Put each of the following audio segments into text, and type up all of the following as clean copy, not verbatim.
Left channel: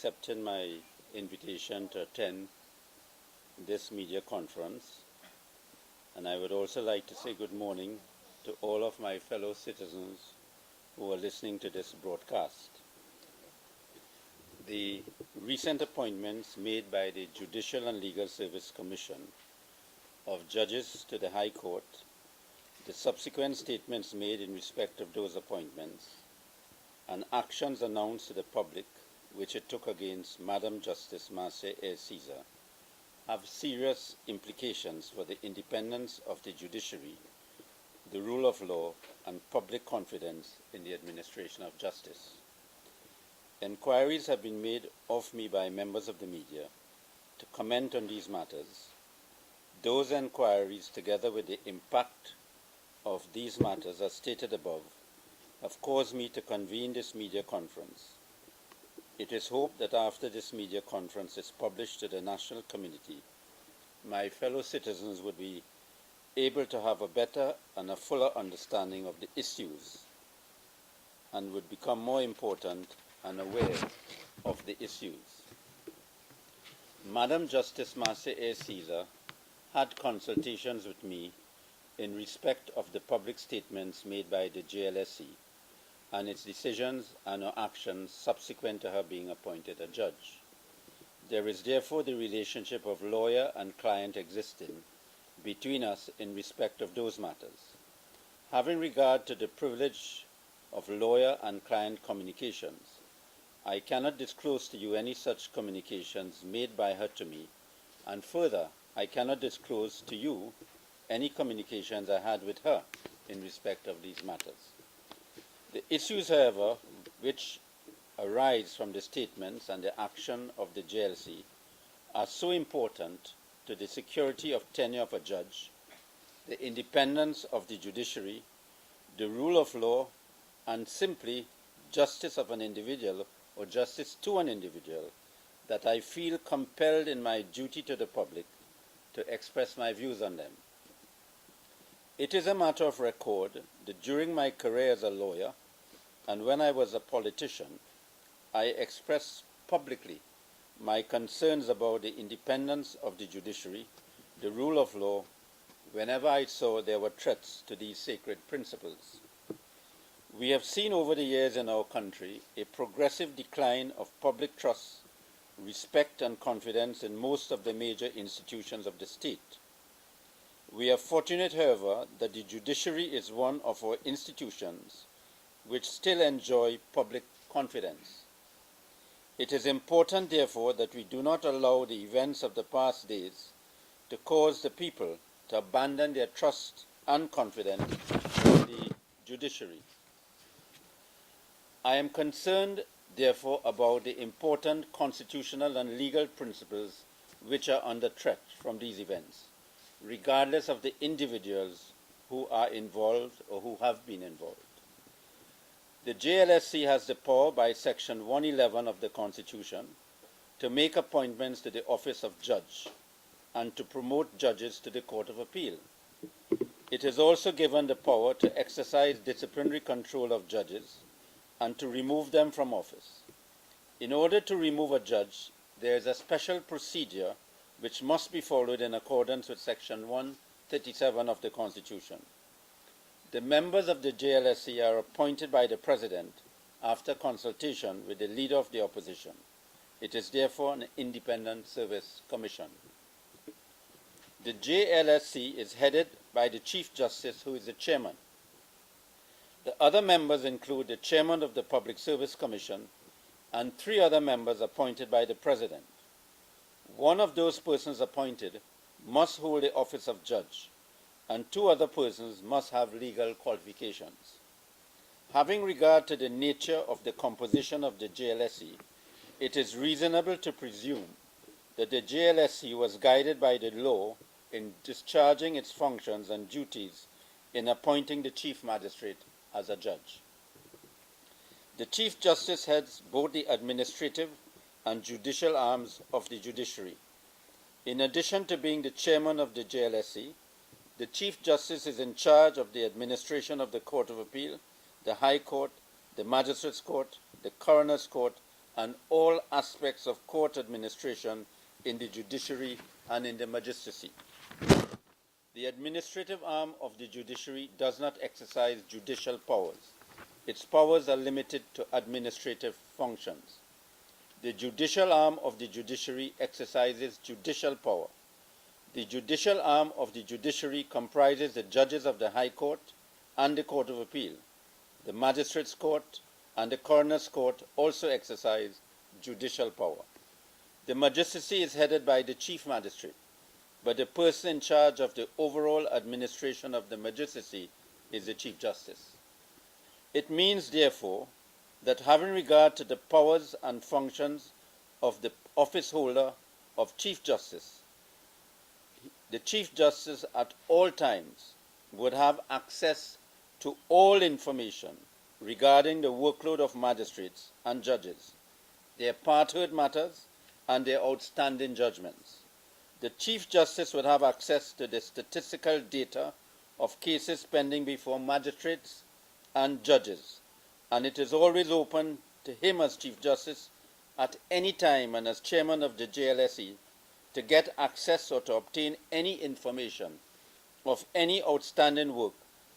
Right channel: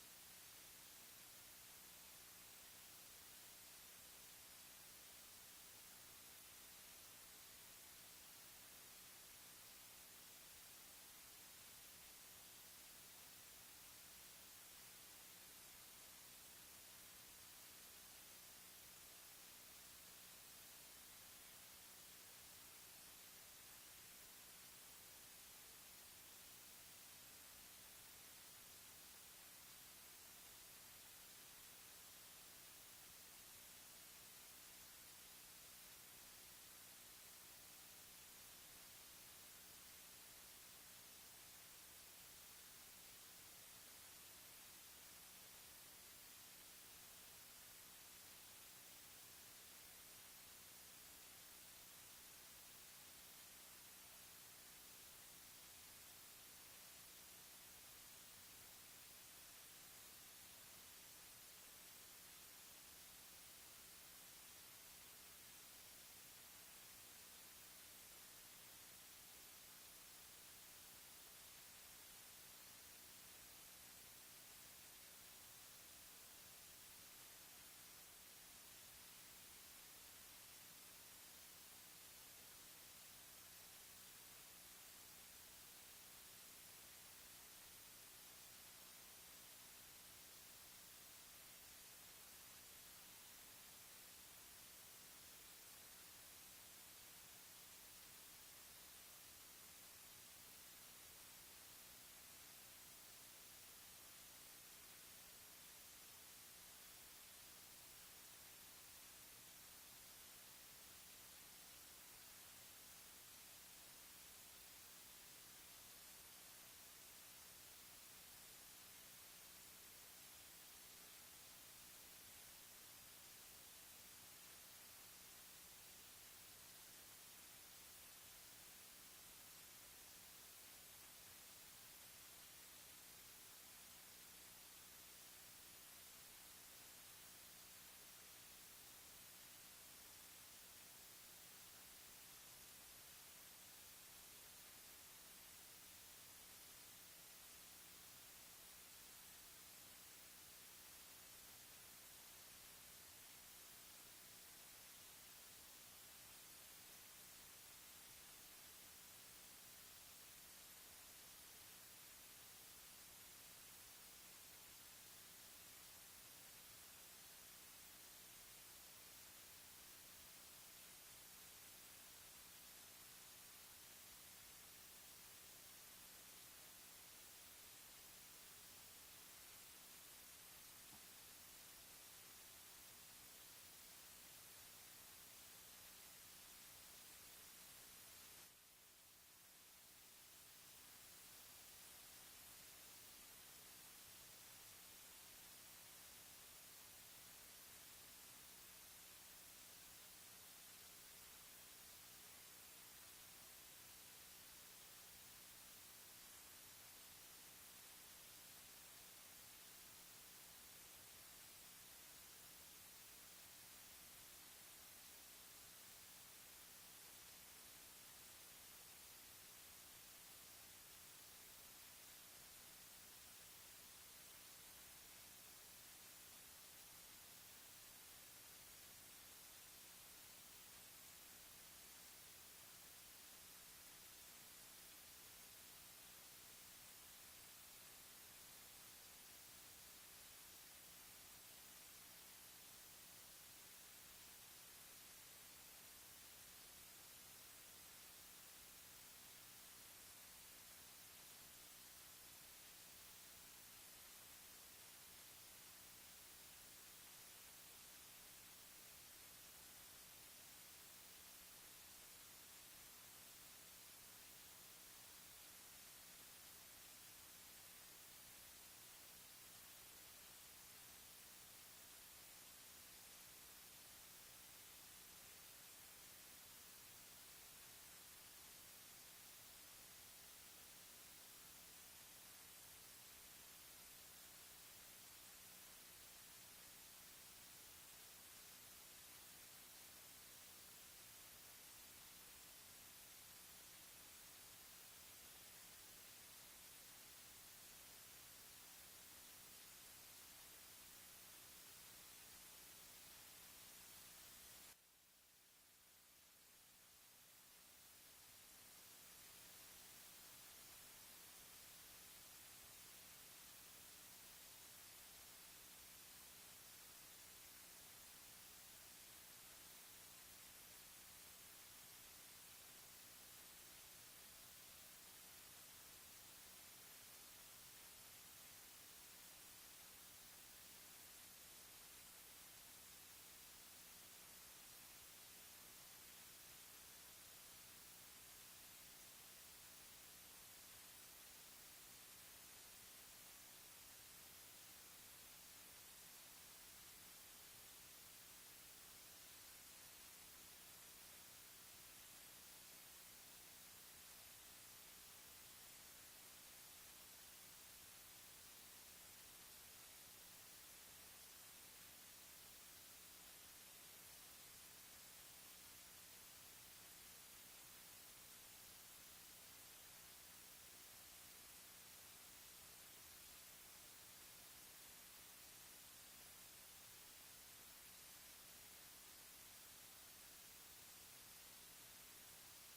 accepting my invitation to attend this media conference. And I would also like to say good morning to all of my fellow citizens who are listening to this broadcast. The recent appointments made by the Judicial and Legal Service Commission of judges to the High Court, the subsequent statements made in respect of those appointments, and actions announced to the public which it took against Madam Justice Marcia A. Caesar have serious implications for the independence of the judiciary, the rule of law, and public confidence in the administration of justice. Enquiries have been made of me by members of the media to comment on these matters. Those enquiries, together with the impact of these matters as stated above, have caused me to convene this media conference. It is hoped that after this media conference is published to the national community, my fellow citizens would be able to have a better and a fuller understanding of the issues and would become more important and aware of the issues. Madam Justice Marcia A. Caesar had consultations with me in respect of the public statements made by the JLSC and its decisions and or actions subsequent to her being appointed a judge. There is therefore the relationship of lawyer and client existing between us in respect of those matters. Having regard to the privilege of lawyer and client communications, I cannot disclose to you any such communications made by her to me, and further, I cannot disclose to you any communications I had with her in respect of these matters. The issues, however, which arise from the statements and the action of the JLC are so important to the security of tenure of a judge, the independence of the judiciary, the rule of law, and simply justice of an individual or justice to an individual, that I feel compelled in my duty to the public to express my views on them. It is a matter of record that during my career as a lawyer and when I was a politician, I expressed publicly my concerns about the independence of the judiciary, the rule of law, whenever I saw there were threats to these sacred principles. We have seen over the years in our country a progressive decline of public trust, respect, and confidence in most of the major institutions of the state. We are fortunate, however, that the judiciary is one of our institutions which still enjoy public confidence. It is important, therefore, that we do not allow the events of the past days to cause the people to abandon their trust and confidence in the judiciary. I am concerned, therefore, about the important constitutional and legal principles which are under threat from these events, regardless of the individuals who are involved or who have been involved. The JLSC has the power by Section 111 of the Constitution to make appointments to the office of judge and to promote judges to the Court of Appeal. It is also given the power to exercise disciplinary control of judges and to remove them from office. In order to remove a judge, there is a special procedure which must be followed in accordance with Section 137 of the Constitution. The members of the JLSC are appointed by the President after consultation with the Leader of the Opposition. It is therefore an independent service commission. The JLSC is headed by the Chief Justice, who is the Chairman. The other members include the Chairman of the Public Service Commission and 3 other members appointed by the President. One of those persons appointed must hold the office of judge, and 2 other persons must have legal qualifications. Having regard to the nature of the composition of the JLSC, it is reasonable to presume that the JLSC was guided by the law in discharging its functions and duties in appointing the Chief Magistrate as a judge. The Chief Justice heads both the administrative and judicial arms of the judiciary. In addition to being the chairman of the JLSC, the Chief Justice is in charge of the administration of the Court of Appeal, the High Court, the Magistrates' Court, the Coroner's Court, and all aspects of court administration in the judiciary and in the magistracy. The administrative arm of the judiciary does not exercise judicial powers. Its powers are limited to administrative functions. The judicial arm of the judiciary exercises judicial power. The judicial arm of the judiciary comprises the judges of the High Court and the Court of Appeal. The Magistrates' Court and the Coroner's Court also exercise judicial power. The magistracy is headed by the Chief Magistrate, but the person in charge of the overall administration of the magistracy is the Chief Justice. It means, therefore, that having regard to the powers and functions of the office holder of Chief Justice, the Chief Justice at all times would have access to all information regarding the workload of magistrates and judges, their part-heard matters, and their outstanding judgments. The Chief Justice would have access to the statistical data of cases pending before magistrates and judges, and it is always open to him as Chief Justice at any time and as Chairman of the JLSE to get access or to obtain any information of any outstanding work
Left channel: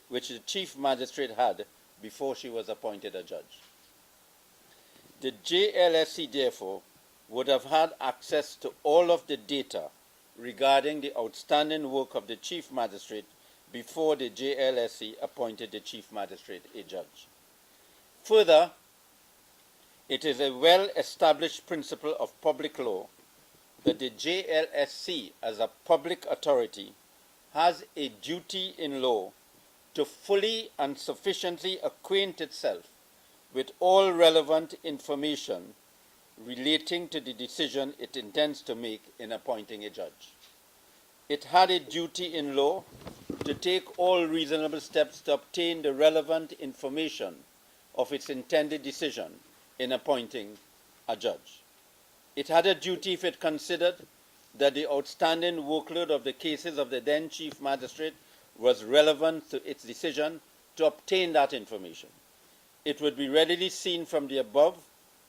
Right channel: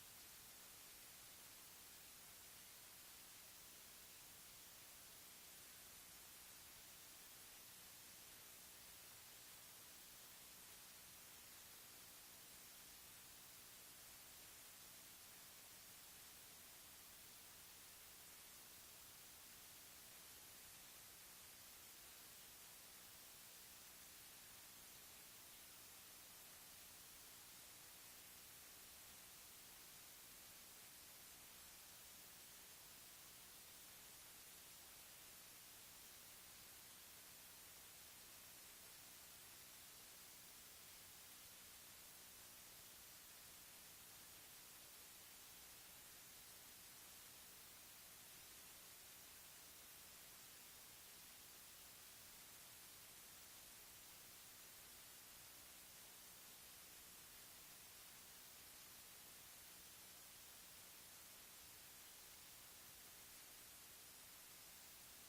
which the Chief Magistrate had before she was appointed a judge. The JLSE, therefore, would have had access to all of the data regarding the outstanding work of the Chief Magistrate before the JLSE appointed the Chief Magistrate a judge. Further, it is a well-established principle of public law that the JLSC, as a public authority, has a duty in law to fully and sufficiently acquaint itself with all relevant information relating to the decision it intends to make in appointing a judge. It had a duty in law to take all reasonable steps to obtain the relevant information of its intended decision in appointing a judge. It had a duty if it considered that the outstanding workload of the cases of the then Chief Magistrate was relevant to its decision to obtain that information. It would be readily seen from the above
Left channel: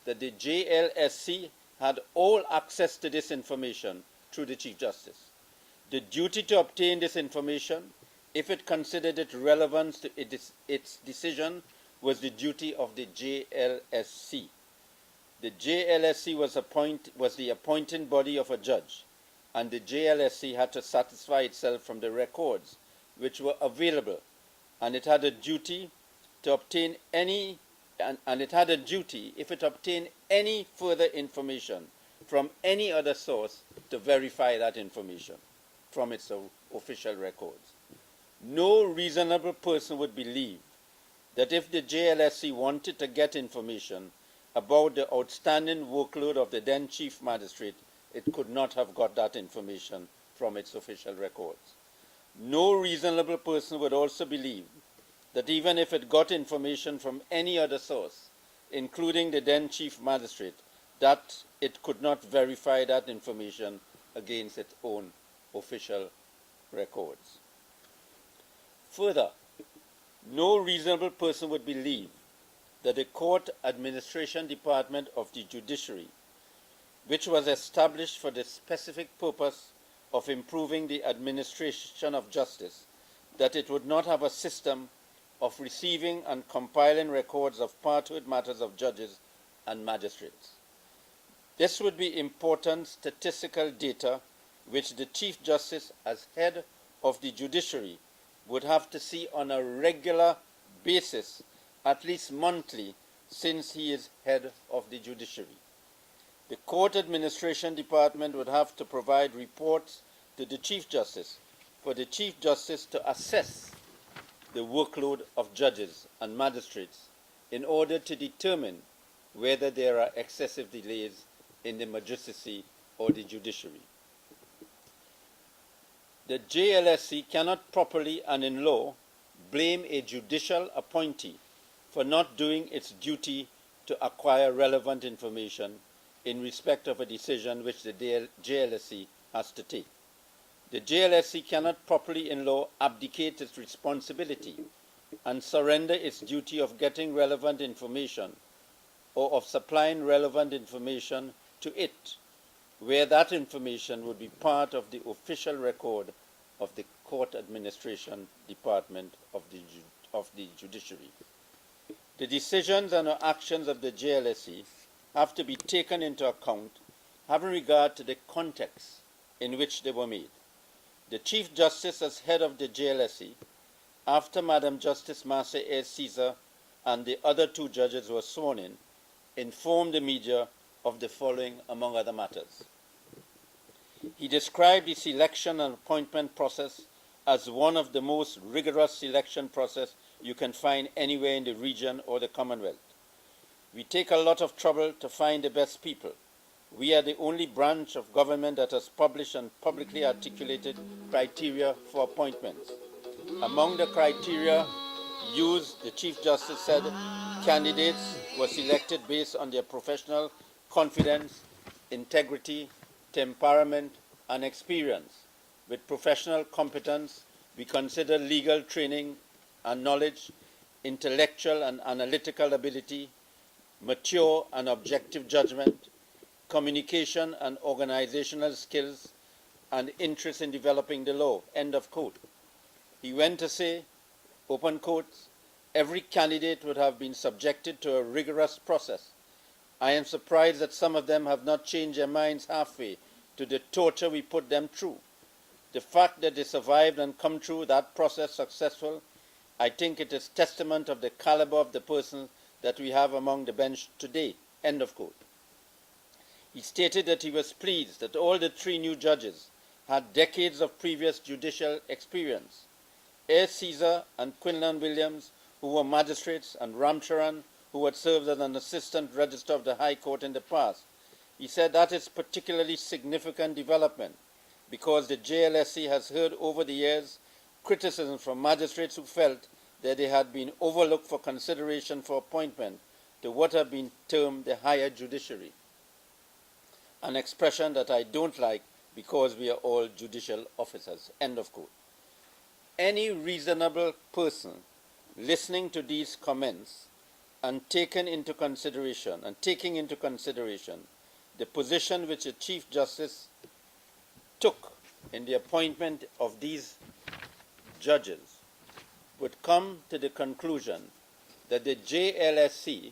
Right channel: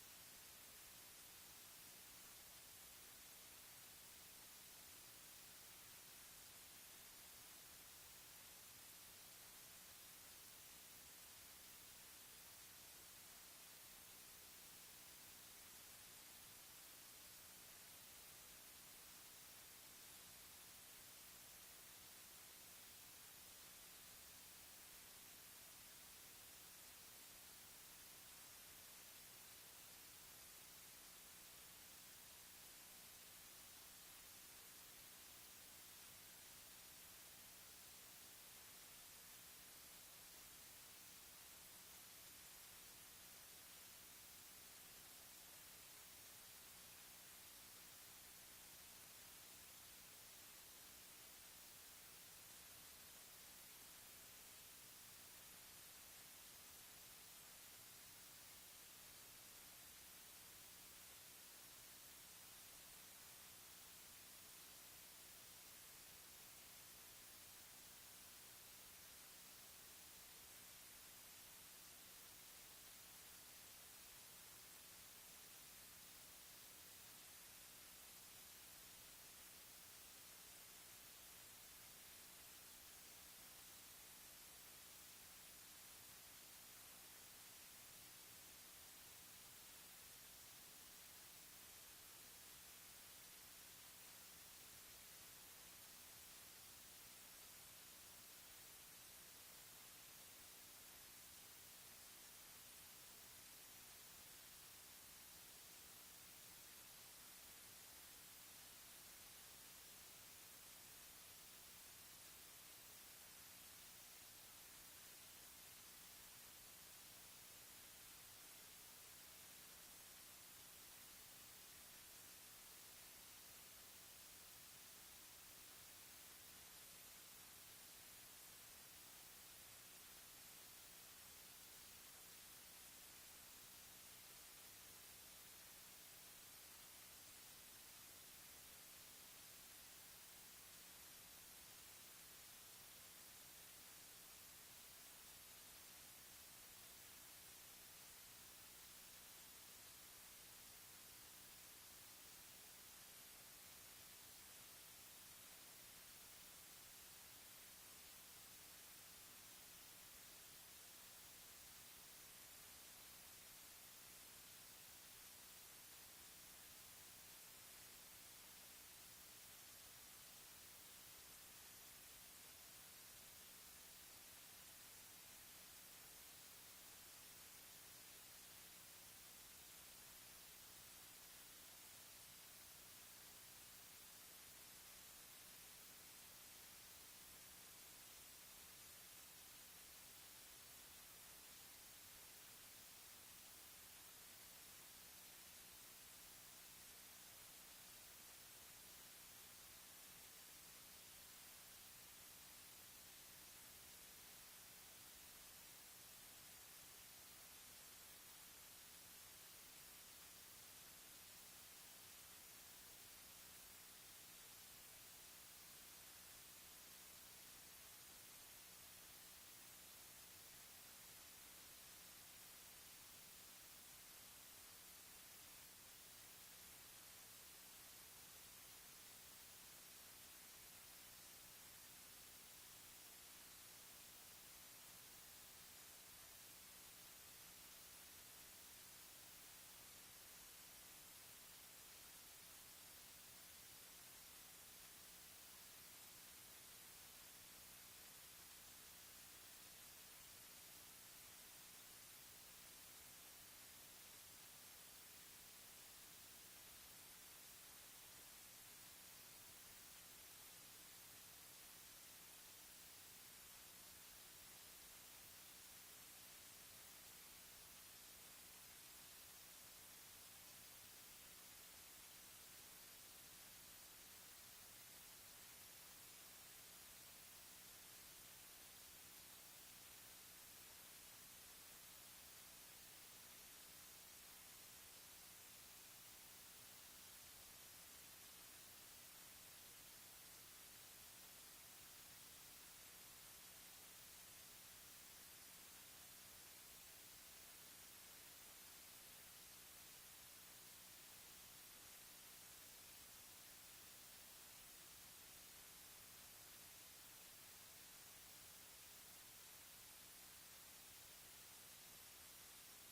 that the JLSC had all access to this information through the Chief Justice. The duty to obtain this information, if it considered it relevant to its decision, was the duty of the JLSC. The JLSC was the appointing body of a judge, and the JLSC had to satisfy itself from the records which were available, and it had a duty to obtain any, and it had a duty, if it obtained any further information from any other source, to verify that information from its official records. No reasonable person would believe that if the JLSC wanted to get information about the outstanding workload of the then Chief Magistrate, it could not have got that information from its official records. No reasonable person would also believe that even if it got information from any other source, including the then Chief Magistrate, that it could not verify that information against its own official records. Further, no reasonable person would believe that the Court Administration Department of the Judiciary, which was established for the specific purpose of improving the administration of justice, that it would not have a system of receiving and compiling records of part-heard matters of judges and magistrates. This would be important statistical data which the Chief Justice, as head of the judiciary, would have to see on a regular basis, at least monthly, since he is head of the judiciary. The Court Administration Department would have to provide reports to the Chief Justice for the Chief Justice to assess the workload of judges and magistrates in order to determine whether there are excessive delays in the magistracy or the judiciary. The JLSC cannot properly and in law blame a judicial appointee for not doing its duty to acquire relevant information in respect of a decision which the JLSC has to take. The JLSC cannot properly in law abdicate its responsibility and surrender its duty of getting relevant information or of supplying relevant information to it, where that information would be part of the official record of the Court Administration Department of the Judiciary. The decisions and actions of the JLSE have to be taken into account, having regard to the context in which they were made. The Chief Justice, as head of the JLSE, after Madam Justice Marcia A. Caesar and the other two judges were sworn in, informed the media of the following, among other matters. He described the selection and appointment process as one of the most rigorous selection process you can find anywhere in the region or the Commonwealth. We take a lot of trouble to find the best people. We are the only branch of government that has published and publicly articulated criteria for appointments. Among the criteria used, the Chief Justice said, candidates were selected based on their professional confidence, integrity, temperament, and experience. With professional competence, we consider legal training and knowledge, intellectual and analytical ability, mature and objective judgment, communication and organizational skills, and interest in developing the law, end of quote. He went to say, open quotes, every candidate would have been subjected to a rigorous process. I am surprised that some of them have not changed their minds halfway to the torture we put them through. The fact that they survived and come through that process successful, I think it is testament of the caliber of the person that we have among the bench today, end of quote. He stated that he was pleased that all the three new judges had decades of previous judicial experience. A. Caesar and Quinlan Williams, who were magistrates, and Ramcharan, who had served as an assistant registrar of the High Court in the past. He said that is particularly significant development because the JLSE has heard over the years criticism from magistrates who felt that they had been overlooked for consideration for appointment to what have been termed the higher judiciary, an expression that I don't like because we are all judicial officers, end of quote. Any reasonable person listening to these comments and taking into consideration the position which the Chief Justice took in the appointment of these judges would come to the conclusion that the JLSC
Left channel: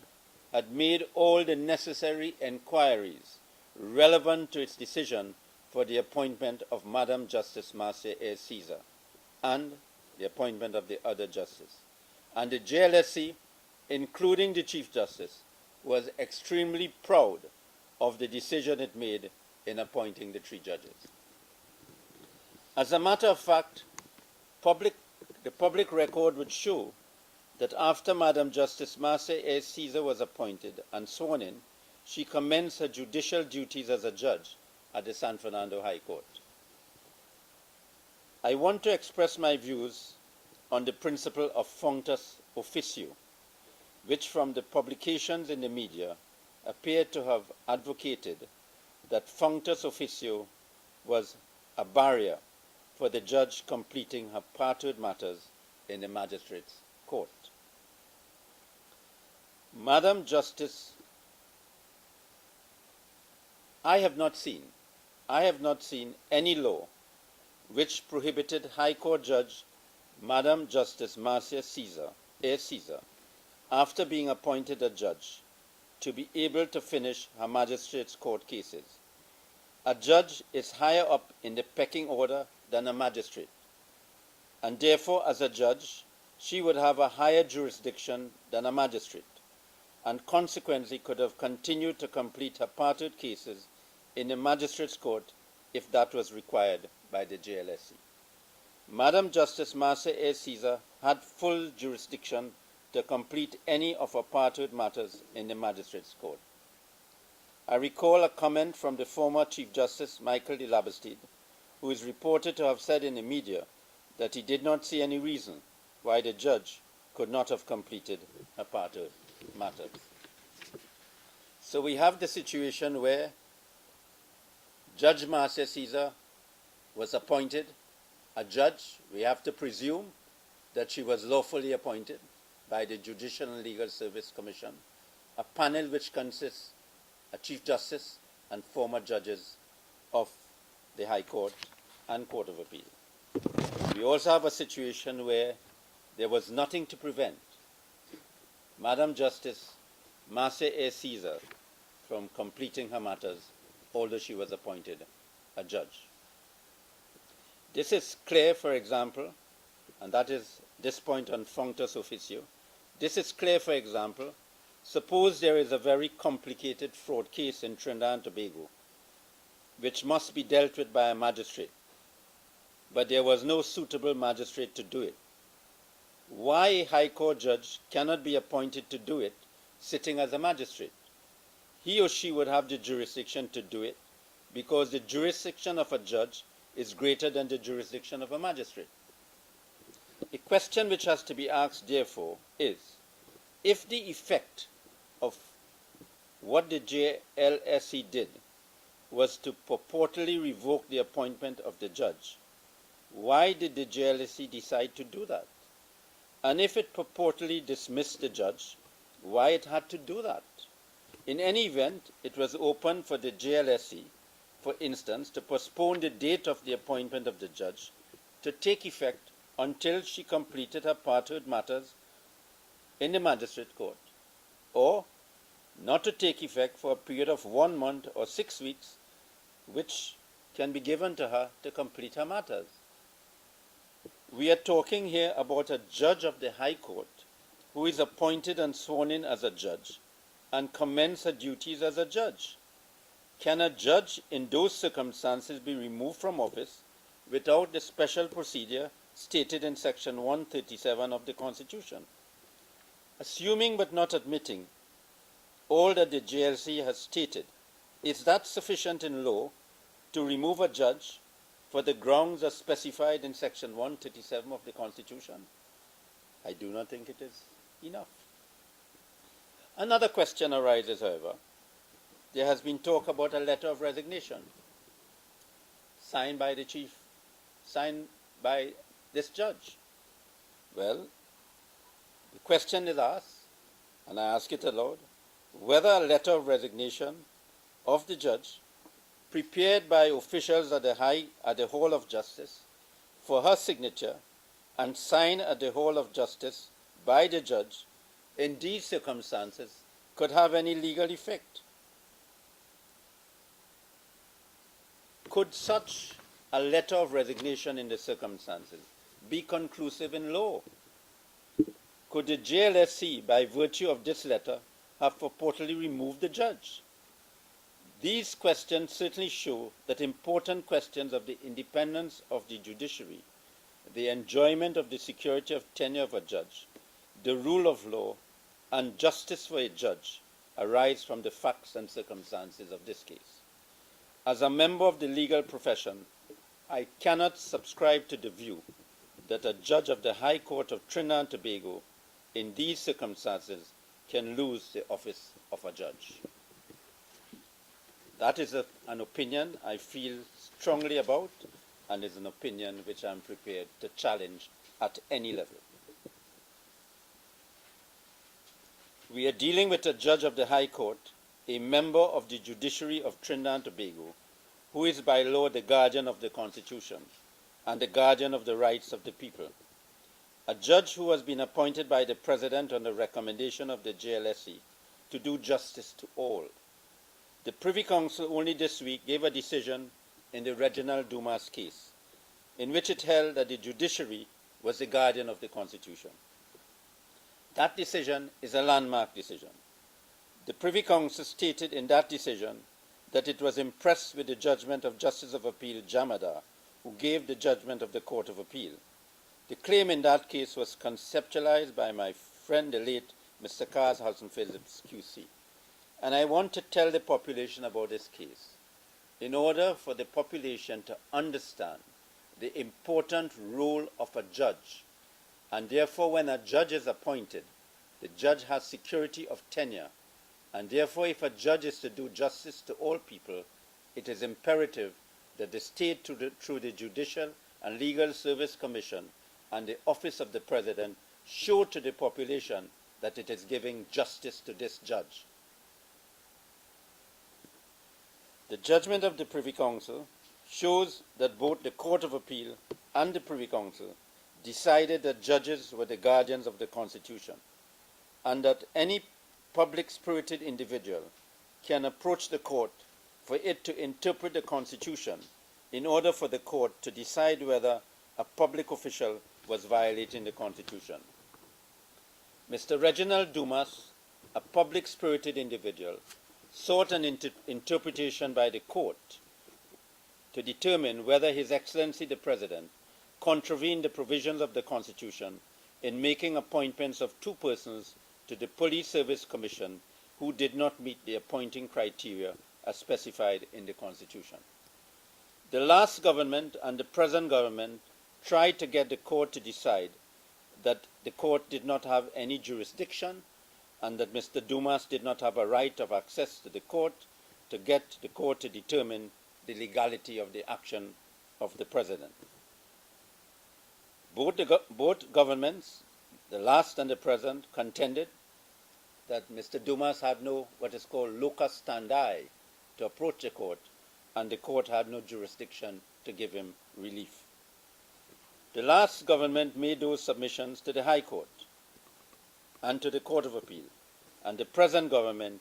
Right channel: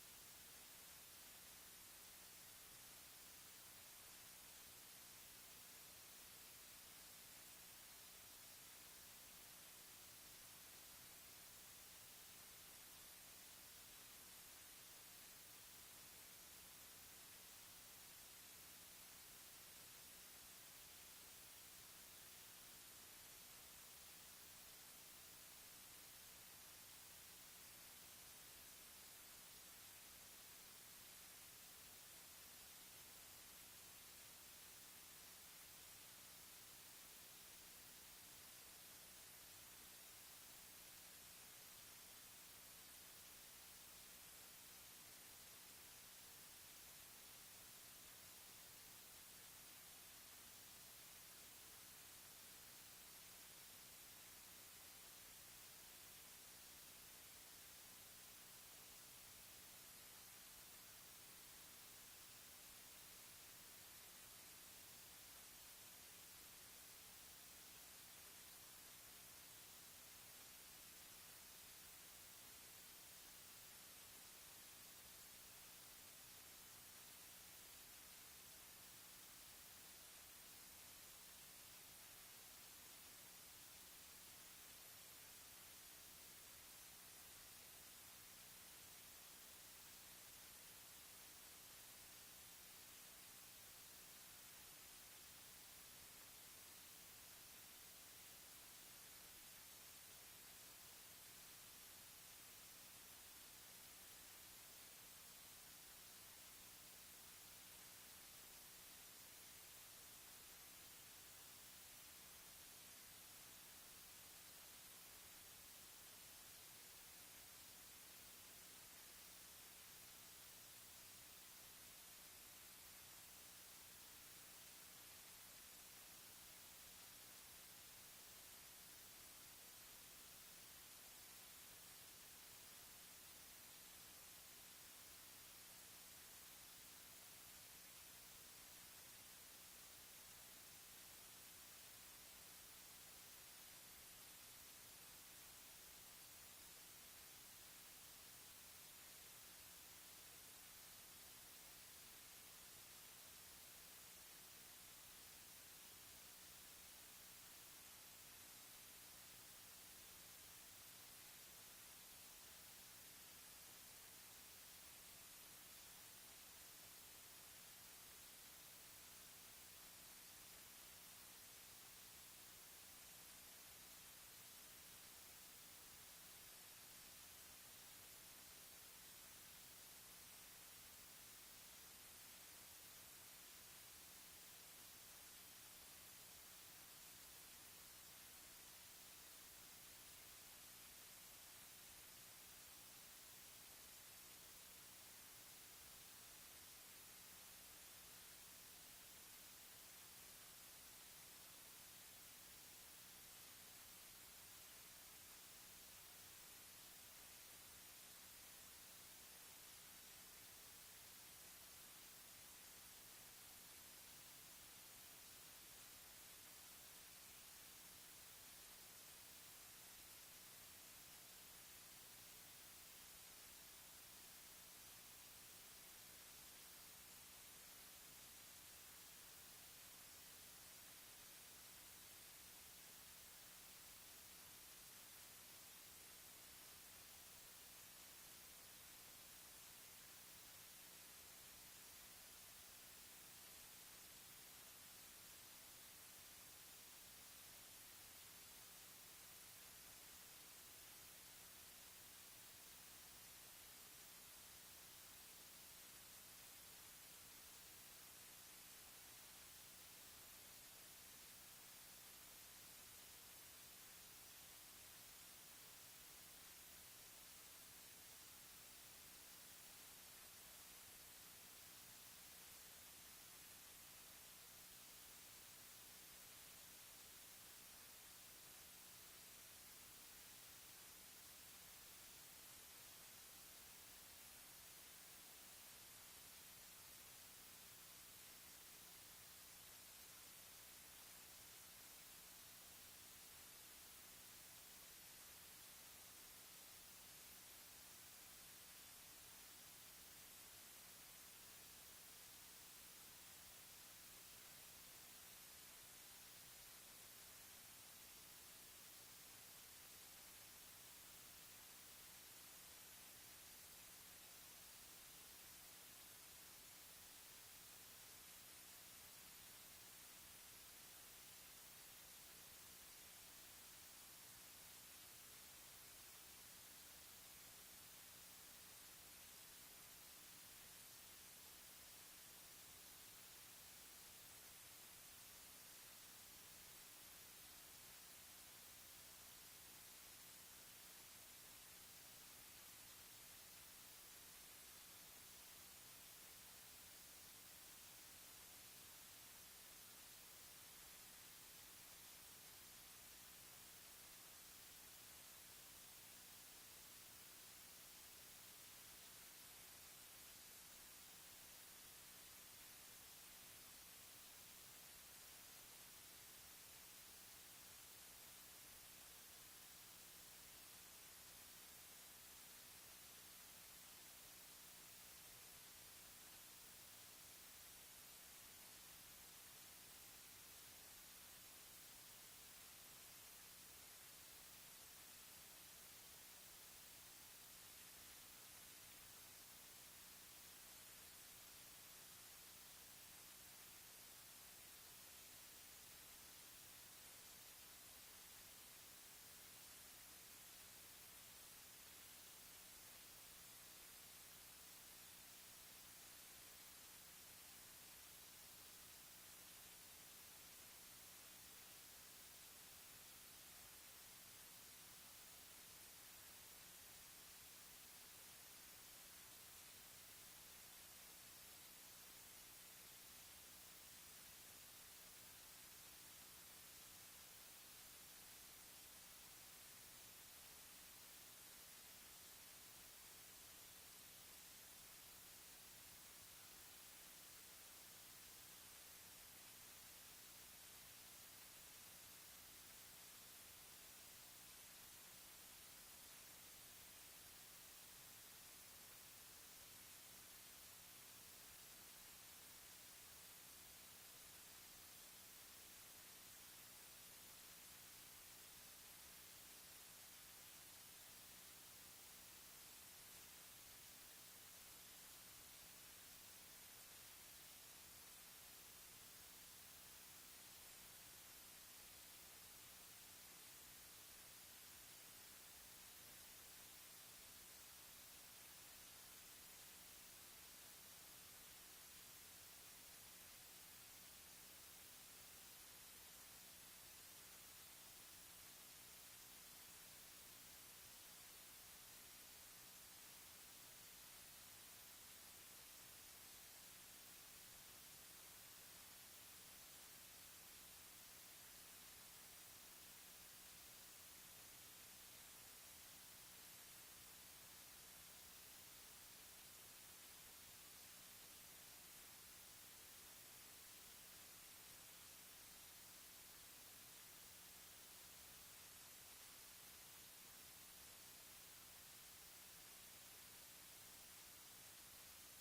had made all the necessary inquiries relevant to its decision for the appointment of Madam Justice Marcia A. Caesar and the appointment of the other justice. And the JLSC, including the Chief Justice, was extremely proud of the decision it made in appointing the three judges. As a matter of fact, the public record would show that after Madam Justice Marcia A. Caesar was appointed and sworn in, she commenced her judicial duties as a judge at the San Fernando High Court. I want to express my views on the principle of functus officio, which from the publications in the media appeared to have advocated that functus officio was a barrier for the judge completing her partoad matters in the magistrate's court. Madam Justice, I have not seen any law which prohibited High Court Judge Madam Justice Marcia A. Caesar, after being appointed a judge, to be able to finish her magistrate's court cases. A judge is higher up in the pecking order than a magistrate, and therefore as a judge, she would have a higher jurisdiction than a magistrate, and consequently could have continued to complete her partoad cases in the magistrate's court if that was required by the JLSE. Madam Justice Marcia A. Caesar had full jurisdiction to complete any of her partoad matters in the magistrate's court. I recall a comment from the former Chief Justice Michael de Labastide, who is reported to have said in the media that he did not see any reason why the judge could not have completed her partoad matters. So we have the situation where Judge Marcia Caesar was appointed a judge. We have to presume that she was lawfully appointed by the Judicial and Legal Service Commission a panel which consists a Chief Justice and former judges of the High Court and Court of Appeal. We also have a situation where there was nothing to prevent Madam Justice Marcia A. Caesar from completing her matters, although she was appointed a judge. This is clear, for example, and that is this point on functus officio. This is clear, for example, suppose there is a very complicated fraud case in Trinidad and Tobago, which must be dealt with by a magistrate, but there was no suitable magistrate to do it. Why a High Court judge cannot be appointed to do it sitting as a magistrate? He or she would have the jurisdiction to do it because the jurisdiction of a judge is greater than the jurisdiction of a magistrate. A question which has to be asked, therefore, is if the effect of what the JLSE did was to purportedly revoke the appointment of the judge, why did the JLSE decide to do that? And if it purportedly dismissed the judge, why it had to do that? In any event, it was open for the JLSE, for instance, to postpone the date of the appointment of the judge to take effect until she completed her parenthood matters in the magistrate court, or not to take effect for a period of 1 month or 6 weeks, which can be given to her to complete her matters. We are talking here about a judge of the High Court who is appointed and sworn in as a judge and commence her duties as a judge. Can a judge in those circumstances be removed from office without the special procedure stated in Section 137 of the Constitution? Assuming but not admitting all that the JLC has stated, is that sufficient in law to remove a judge for the grounds as specified in Section 137 of the Constitution? I do not think it is enough. Another question arises, however. There has been talk about a letter of resignation signed by the chief, signed by this judge. Well, the question is asked, and I ask it aloud, whether a letter of resignation of the judge prepared by officials at the Hall of Justice for her signature and signed at the Hall of Justice by the judge in these circumstances could have any legal effect. Could such a letter of resignation in the circumstances be conclusive in law? Could the JLSC, by virtue of this letter, have purportedly removed the judge? These questions certainly show that important questions of the independence of the judiciary, the enjoyment of the security of tenure of a judge, the rule of law, and justice for a judge arise from the facts and circumstances of this case. As a member of the legal profession, I cannot subscribe to the view that a judge of the High Court of Trinidad and Tobago in these circumstances can lose the office of a judge. That is an opinion I feel strongly about, and is an opinion which I am prepared to challenge at any level. We are dealing with a judge of the High Court, a member of the judiciary of Trinidad and Tobago, who is by law the guardian of the Constitution and the guardian of the rights of the people. A judge who has been appointed by the President on the recommendation of the JLSE to do justice to all. The Privy Council only this week gave a decision in the Reginald Dumas case, in which it held that the judiciary was the guardian of the Constitution. That decision is a landmark decision. The Privy Council stated in that decision that it was impressed with the judgment of Justice of Appeal Jamada, who gave the judgment of the Court of Appeal. The claim in that case was conceptualized by my friend, the late Mr. Kaz Hudson Phillips, QC. And I want to tell the population about this case in order for the population to understand the important role of a judge. And therefore, when a judge is appointed, the judge has security of tenure. And therefore, if a judge is to do justice to all people, it is imperative that the state, through the Judicial and Legal Service Commission and the Office of the President, show to the population that it is giving justice to this judge. The judgment of the Privy Council shows that both the Court of Appeal and the Privy Council decided that judges were the guardians of the Constitution, and that any public-spirited individual can approach the court for it to interpret the Constitution in order for the court to decide whether a public official was violating the Constitution. Mr. Reginald Dumas, a public-spirited individual, sought an interpretation by the court to determine whether His Excellency the President contravened the provisions of the Constitution in making appointments of two persons to the Police Service Commission who did not meet the appointing criteria as specified in the Constitution. The last government and the present government tried to get the court to decide that the court did not have any jurisdiction and that Mr. Dumas did not have a right of access to the court to get the court to determine the legality of the action of the President. Both governments, the last and the present, contended that Mr. Dumas had no what is called locus standi to approach the court, and the court had no jurisdiction to give him relief. The last government made those submissions to the High Court and to the Court of Appeal, and the present government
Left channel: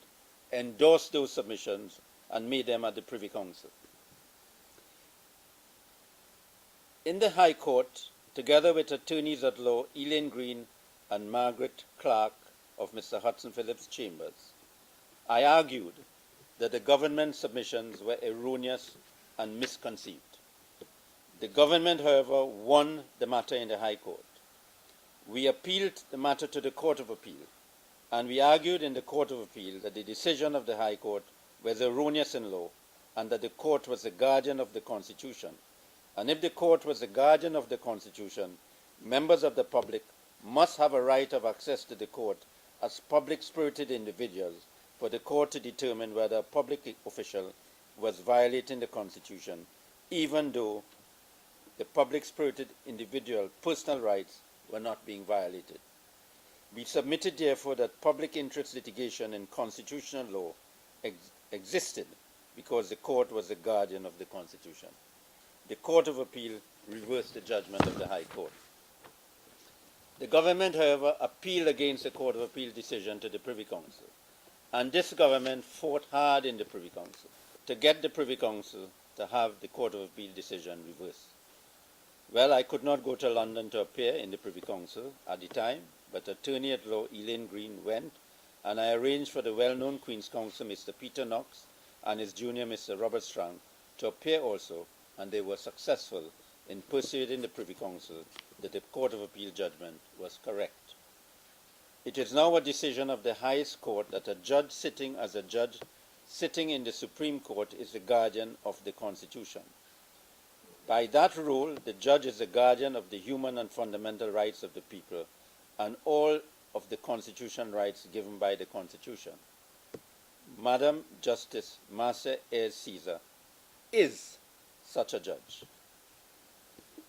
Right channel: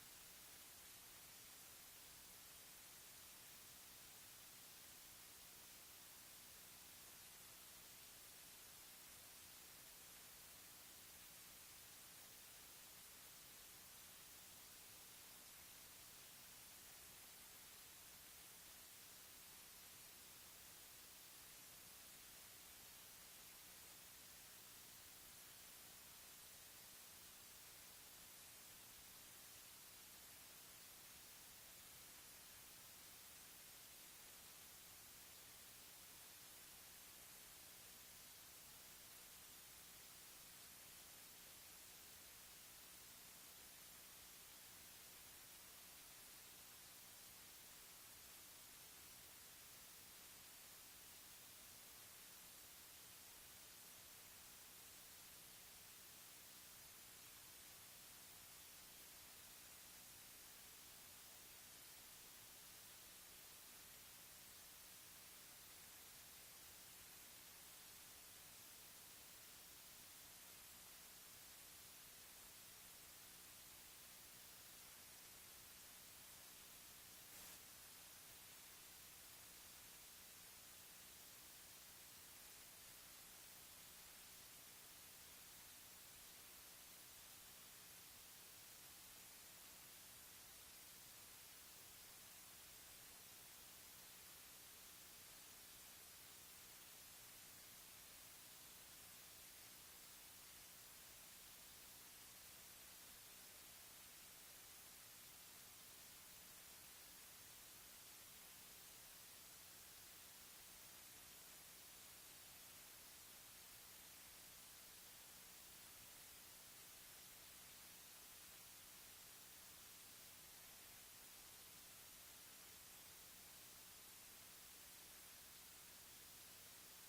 endorsed those submissions and made them at the Privy Council. In the High Court, together with attorneys at law Elaine Green and Margaret Clark of Mr. Hudson Phillips Chambers, I argued that the government submissions were erroneous and misconceived. The government, however, won the matter in the High Court. We appealed the matter to the Court of Appeal, and we argued in the Court of Appeal that the decision of the High Court was erroneous in law and that the court was the guardian of the Constitution. And if the court was the guardian of the Constitution, members of the public must have a right of access to the court as public-spirited individuals for the court to determine whether a public official was violating the Constitution, even though the public-spirited individual personal rights were not being violated. We submitted, therefore, that public interest litigation in constitutional law existed because the court was the guardian of the Constitution. The Court of Appeal reversed the judgment of the High Court. The government, however, appealed against the Court of Appeal decision to the Privy Council, and this government fought hard in the Privy Council to get the Privy Council to have the Court of Appeal decision reversed. Well, I could not go to London to appear in the Privy Council at the time, but attorney at law Elaine Green went, and I arranged for the well-known Queen's Counsel, Mr. Peter Knox, and his junior, Mr. Robert Strang, to appear also, and they were successful in persuading the Privy Council that the Court of Appeal judgment was correct. It is now a decision of the highest court that a judge sitting as a judge sitting in the Supreme Court is the guardian of the Constitution. By that rule, the judge is the guardian of the human and fundamental rights of the people and all of the constitutional rights given by the Constitution. Madam Justice Marcia Ayres Caesar is such a judge.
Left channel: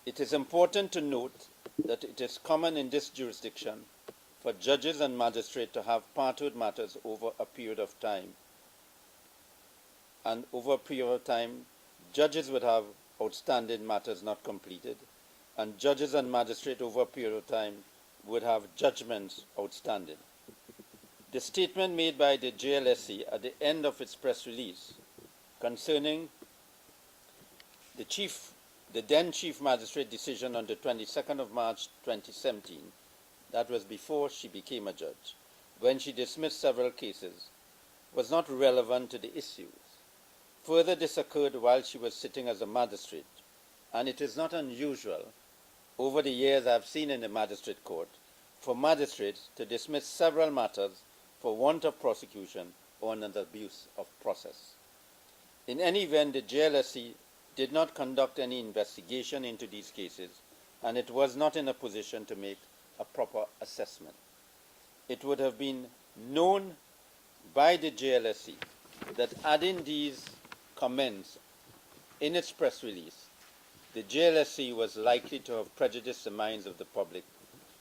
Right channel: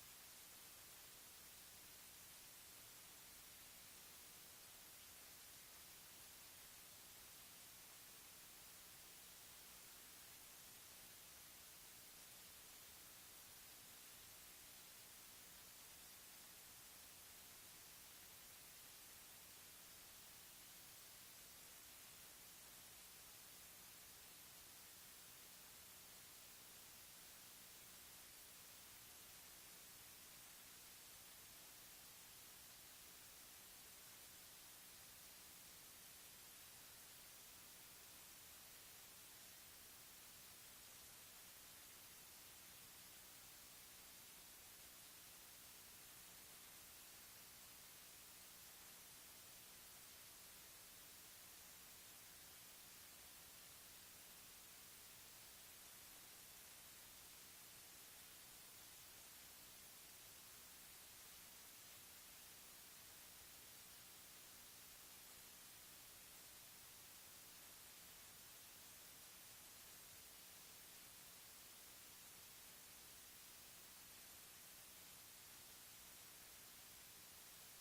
It is important to note that it is common in this jurisdiction for judges and magistrates to have parted matters over a period of time. And over a period of time, judges would have outstanding matters not completed, and judges and magistrates over a period of time would have judgments outstanding. The statement made by the JLSC at the end of its press release concerning the then Chief Magistrate decision on the 22nd of March 2017, that was before she became a judge, when she dismissed several cases, was not relevant to the issues. Further, this occurred while she was sitting as a magistrate, and it is not unusual, over the years I have seen in the magistrate court, for magistrates to dismiss several matters for want of prosecution or an abuse of process. In any event, the JLSC did not conduct any investigation into these cases, and it was not in a position to make a proper assessment. It would have been known by the JLSC that adding these comments in its press release, the JLSC was likely to have prejudiced the minds of the public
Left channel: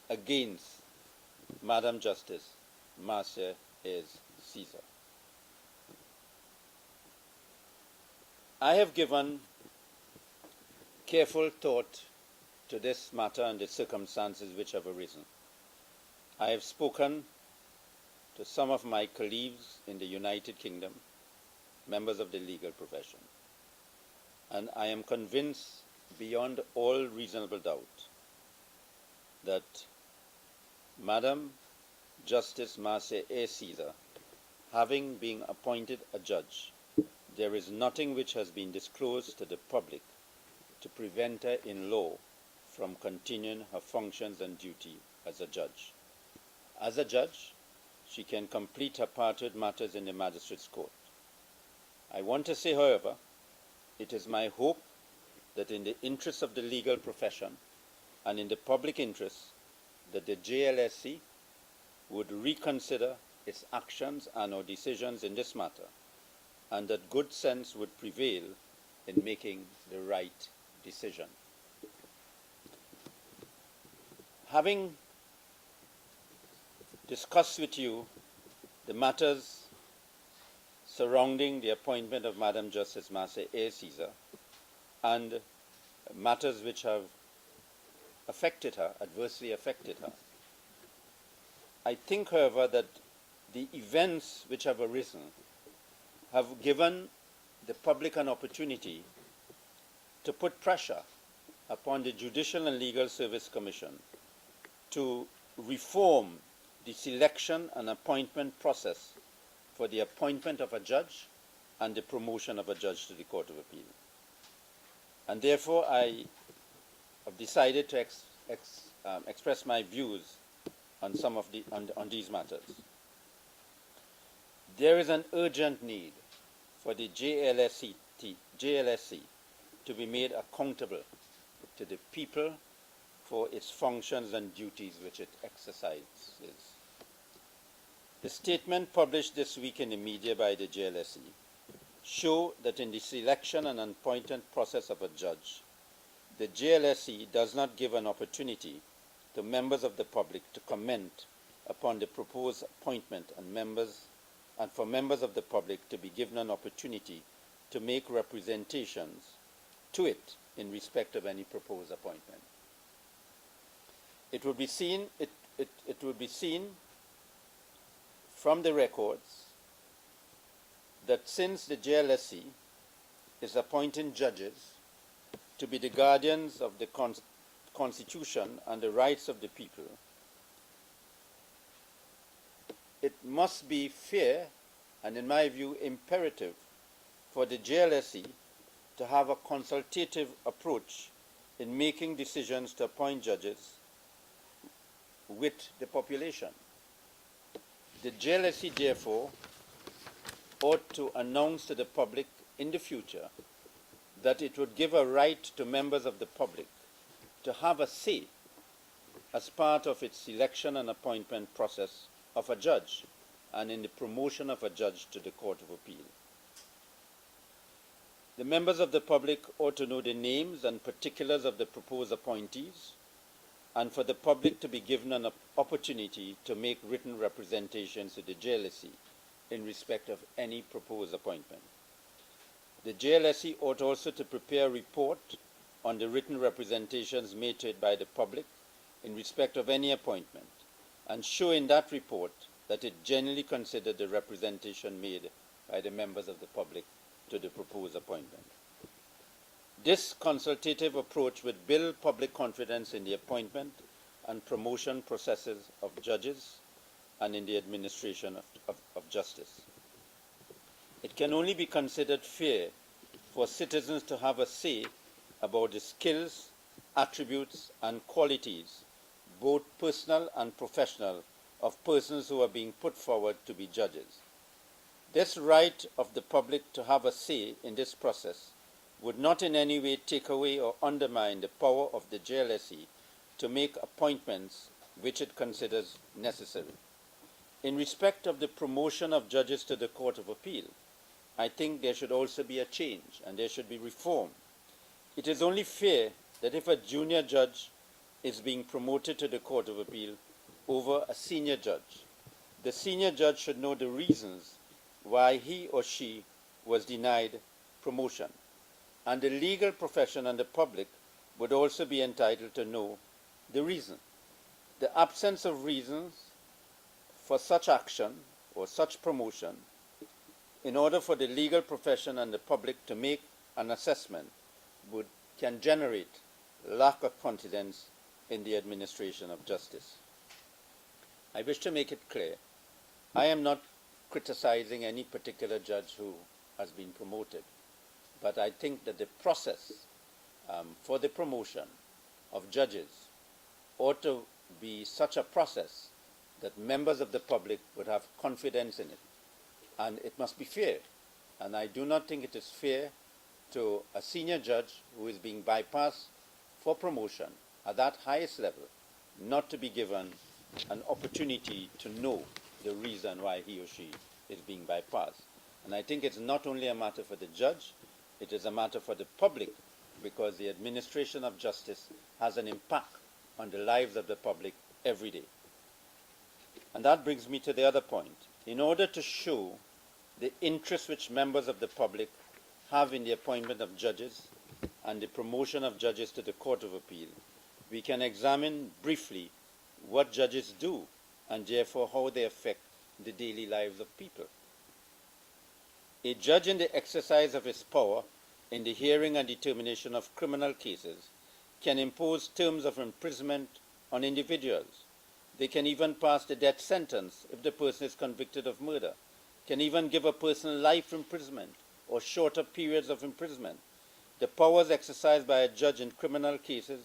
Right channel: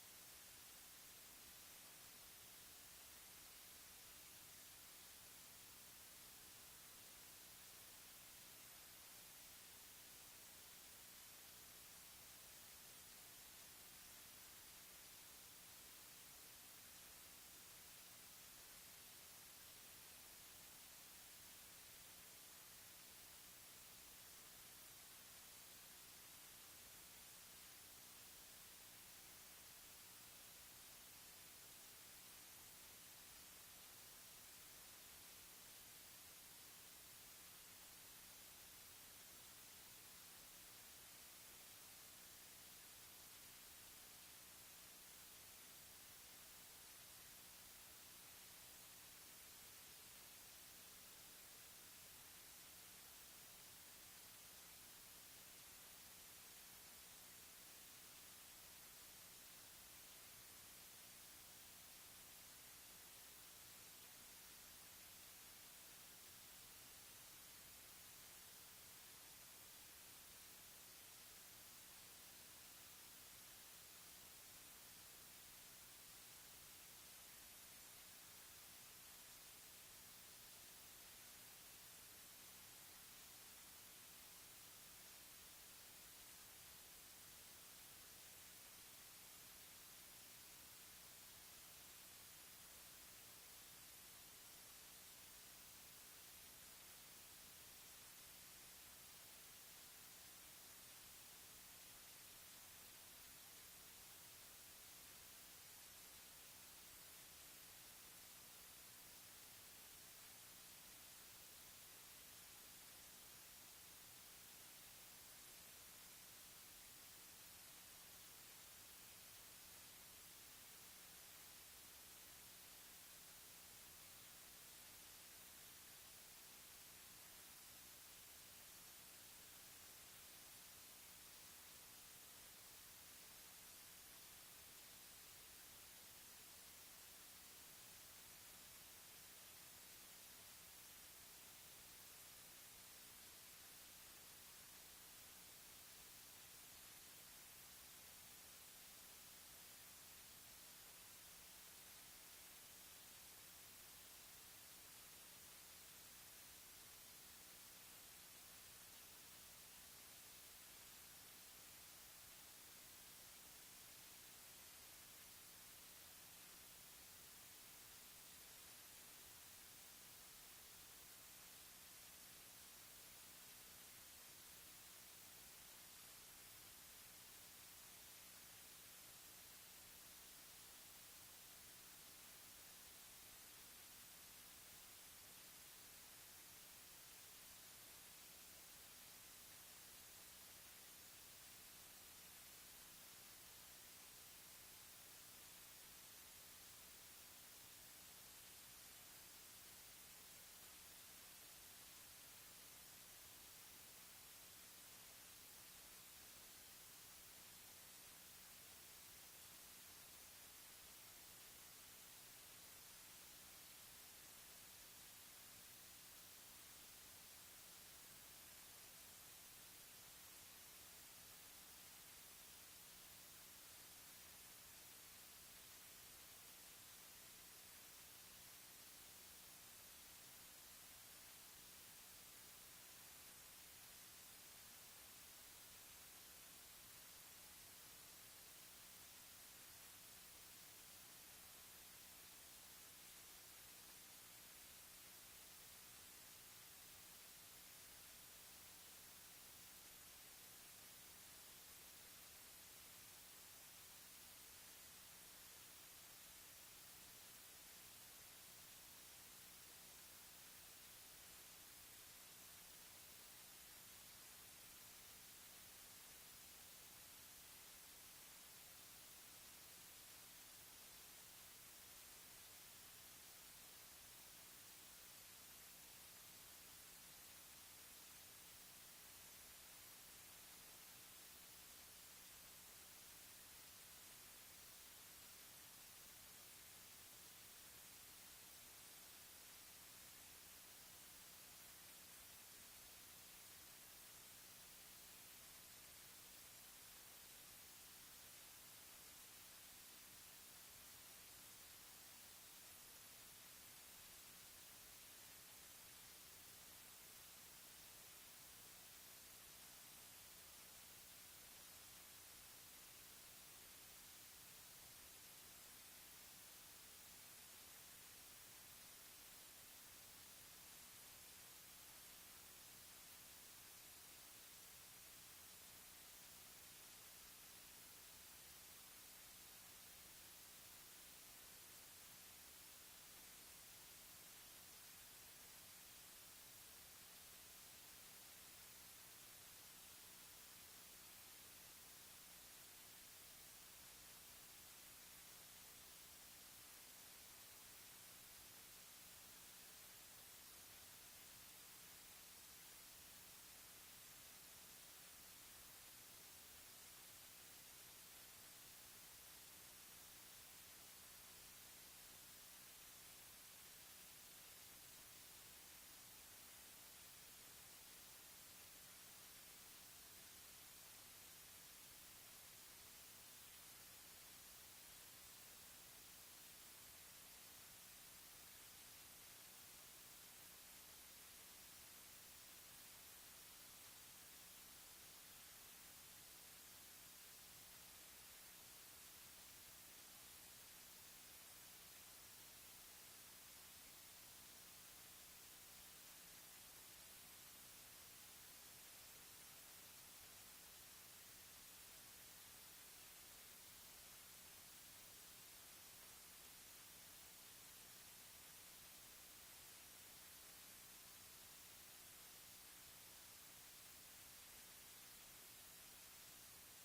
against Madam Justice Marcia is Caesar. I have given careful thought to this matter and the circumstances which have arisen. I have spoken to some of my colleagues in the United Kingdom, members of the legal profession, and I am convinced beyond all reasonable doubt that Madam Justice Marcia A. Caesar, having been appointed a judge, there is nothing which has been disclosed to the public to prevent her in law from continuing her functions and duty as a judge. As a judge, she can complete her parted matters in the magistrate's court. I want to say, however, it is my hope that in the interest of the legal profession and in the public interest, that the JLSC would reconsider its actions and or decisions in this matter, and that good sense would prevail in making the right decision. Having discussed with you the matters surrounding the appointment of Madam Justice Marcia A. Caesar and matters which have affected her, adversely affected her, I think, however, that the events which have arisen have given the public an opportunity to put pressure upon the Judicial and Legal Service Commission to reform the selection and appointment process for the appointment of a judge and the promotion of a judge to the Court of Appeal. And therefore, I have decided to express my views on some of on these matters. There is an urgent need for the JLSC to be made accountable to the people for its functions and duties which it exercises. The statement published this week in the media by the JLSC show that in the selection and appointment process of a judge, the JLSC does not give an opportunity to members of the public to comment upon the proposed appointment and for members of the public to be given an opportunity to make representations to it in respect of any proposed appointment. It would be seen from the records that since the JLSC is appointing judges to be the guardians of the Constitution and the rights of the people, it must be fair and, in my view, imperative for the JLSC to have a consultative approach in making decisions to appoint judges with the population. The JLSC, therefore, ought to announce to the public in the future that it would give a right to members of the public to have a say as part of its selection and appointment process of a judge and in the promotion of a judge to the Court of Appeal. The members of the public ought to know the names and particulars of the proposed appointees, and for the public to be given an opportunity to make written representations to the JLSC in respect of any proposed appointment. The JLSC ought also to prepare a report on the written representations made to it by the public in respect of any appointment, and show in that report that it generally considered the representation made by the members of the public to the proposed appointment. This consultative approach would build public confidence in the appointment and promotion processes of judges and in the administration of justice. It can only be considered fair for citizens to have a say about the skills, attributes, and qualities, both personal and professional, of persons who are being put forward to be judges. This right of the public to have a say in this process would not in any way take away or undermine the power of the JLSC to make appointments which it considers necessary. In respect of the promotion of judges to the Court of Appeal, I think there should also be a change and there should be reform. It is only fair that if a junior judge is being promoted to the Court of Appeal over a senior judge, the senior judge should know the reasons why he or she was denied promotion, and the legal profession and the public would also be entitled to know the reason. The absence of reasons for such action or such promotion, in order for the legal profession and the public to make an assessment, can generate lack of confidence in the administration of justice. I wish to make it clear, I am not criticizing any particular judge who has been promoted, but I think that the process for the promotion of judges ought to be such a process that members of the public would have confidence in it. And it must be fair. And I do not think it is fair to a senior judge who is being bypassed for promotion at that highest level not to be given an opportunity to know the reason why he or she is being bypassed. And I think it's not only a matter for the judge, it is a matter for the public, because the administration of justice has an impact on the lives of the public every day. And that brings me to the other point. In order to show the interest which members of the public have in the appointment of judges and the promotion of judges to the Court of Appeal, we can examine briefly what judges do and therefore how they affect the daily lives of people. A judge, in the exercise of his power in the hearing and determination of criminal cases, can impose terms of imprisonment on individuals. They can even pass the death sentence if the person is convicted of murder, can even give a person life imprisonment or shorter periods of imprisonment. The powers exercised by a judge in criminal cases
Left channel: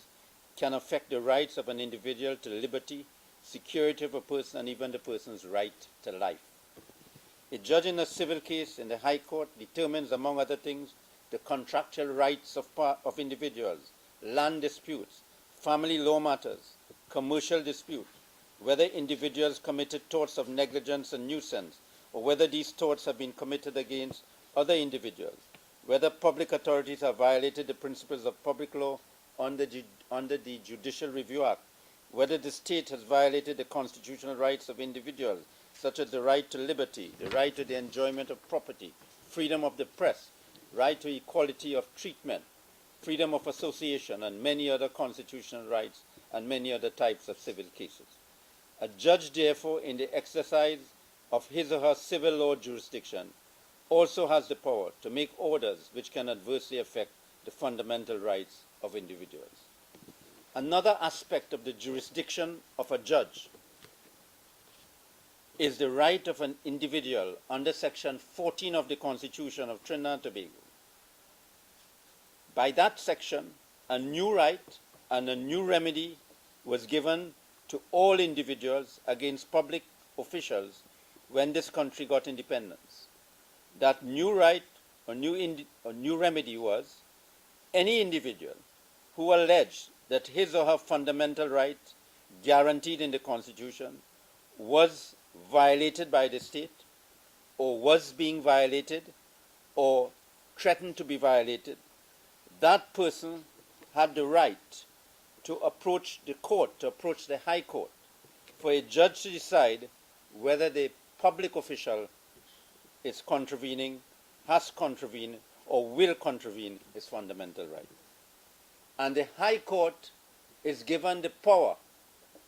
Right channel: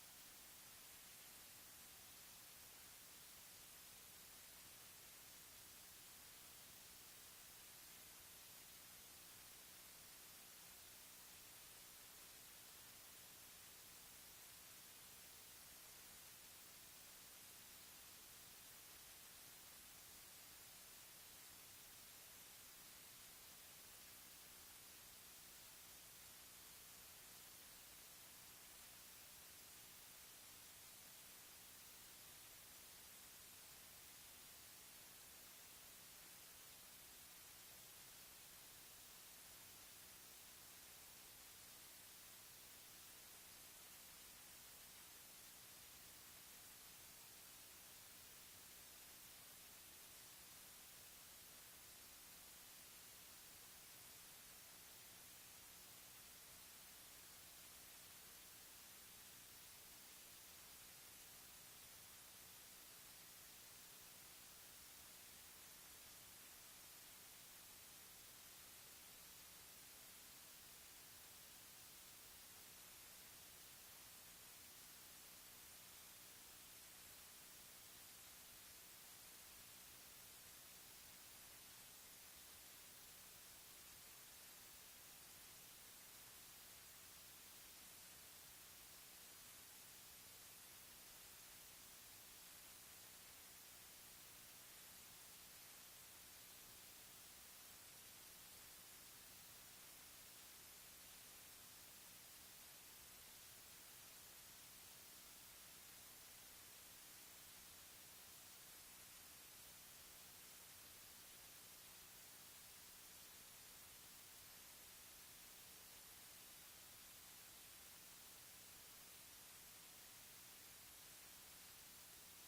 can affect the rights of an individual to liberty, security of a person, and even the person's right to life. A judge in a civil case in the High Court determines, among other things, the contractual rights of individuals, land disputes, family law matters, commercial disputes, whether individuals committed torts of negligence and nuisance, or whether these torts have been committed against other individuals, whether public authorities have violated the principles of public law under the Judicial Review Act, whether the state has violated the constitutional rights of individuals, such as the right to liberty, the right to the enjoyment of property, freedom of the press, right to equality of treatment, freedom of association, and many other constitutional rights and many other types of civil cases. A judge, therefore, in the exercise of his or her civil law jurisdiction, also has the power to make orders which can adversely affect the fundamental rights of individuals. Another aspect of the jurisdiction of a judge is the right of an individual under Section 14 of the Constitution of Trinidad and Tobago. By that section, a new right and a new remedy was given to all individuals against public officials when this country got independence. That new right or new remedy was any individual who alleged that his or her fundamental right guaranteed in the Constitution was violated by the state, or was being violated, or threatened to be violated, that person had the right to approach the court, to approach the High Court, for a judge to decide whether the public official is contravening, has contravened, or will contravene his fundamental right. And the High Court is given the power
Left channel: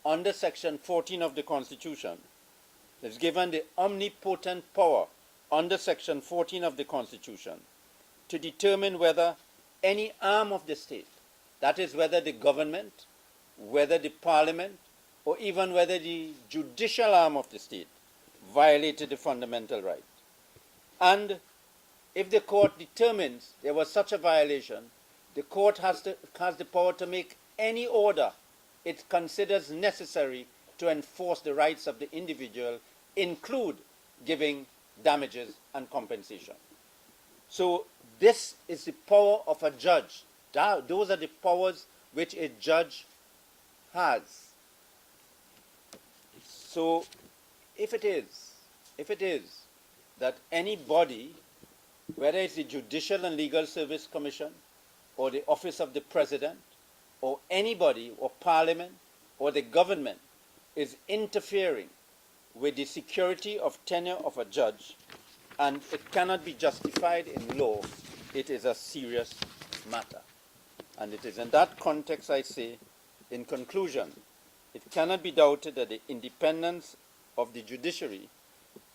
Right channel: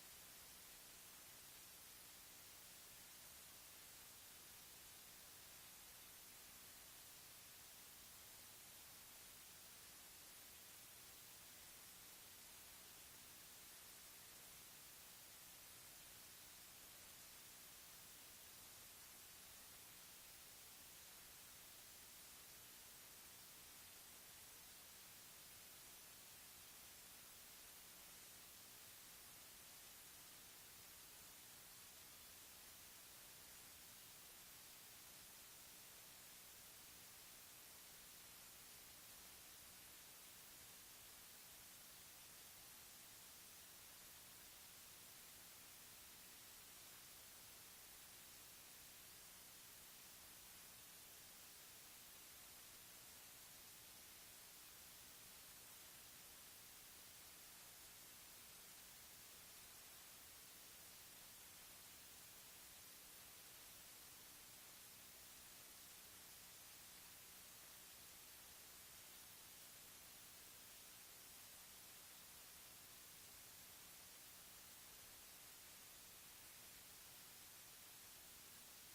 under Section 14 of the Constitution, is given the omnipotent power under Section 14 of the Constitution to determine whether any arm of the state, that is whether the government, whether the parliament, or even whether the judicial arm of the state violated the fundamental right. And if the court determines there was such a violation, the court has the power to make any order it considers necessary to enforce the rights of the individual, include giving damages and compensation. So this is the power of a judge. Those are the powers which a judge has. So if it is that any body, whether it's the Judicial and Legal Service Commission, or the Office of the President, or anybody, or Parliament, or the government, is interfering with the security of tenure of a judge, and it cannot be justified in law, it is a serious matter. And it is in that context I say, in conclusion, it cannot be doubted that the independence of the judiciary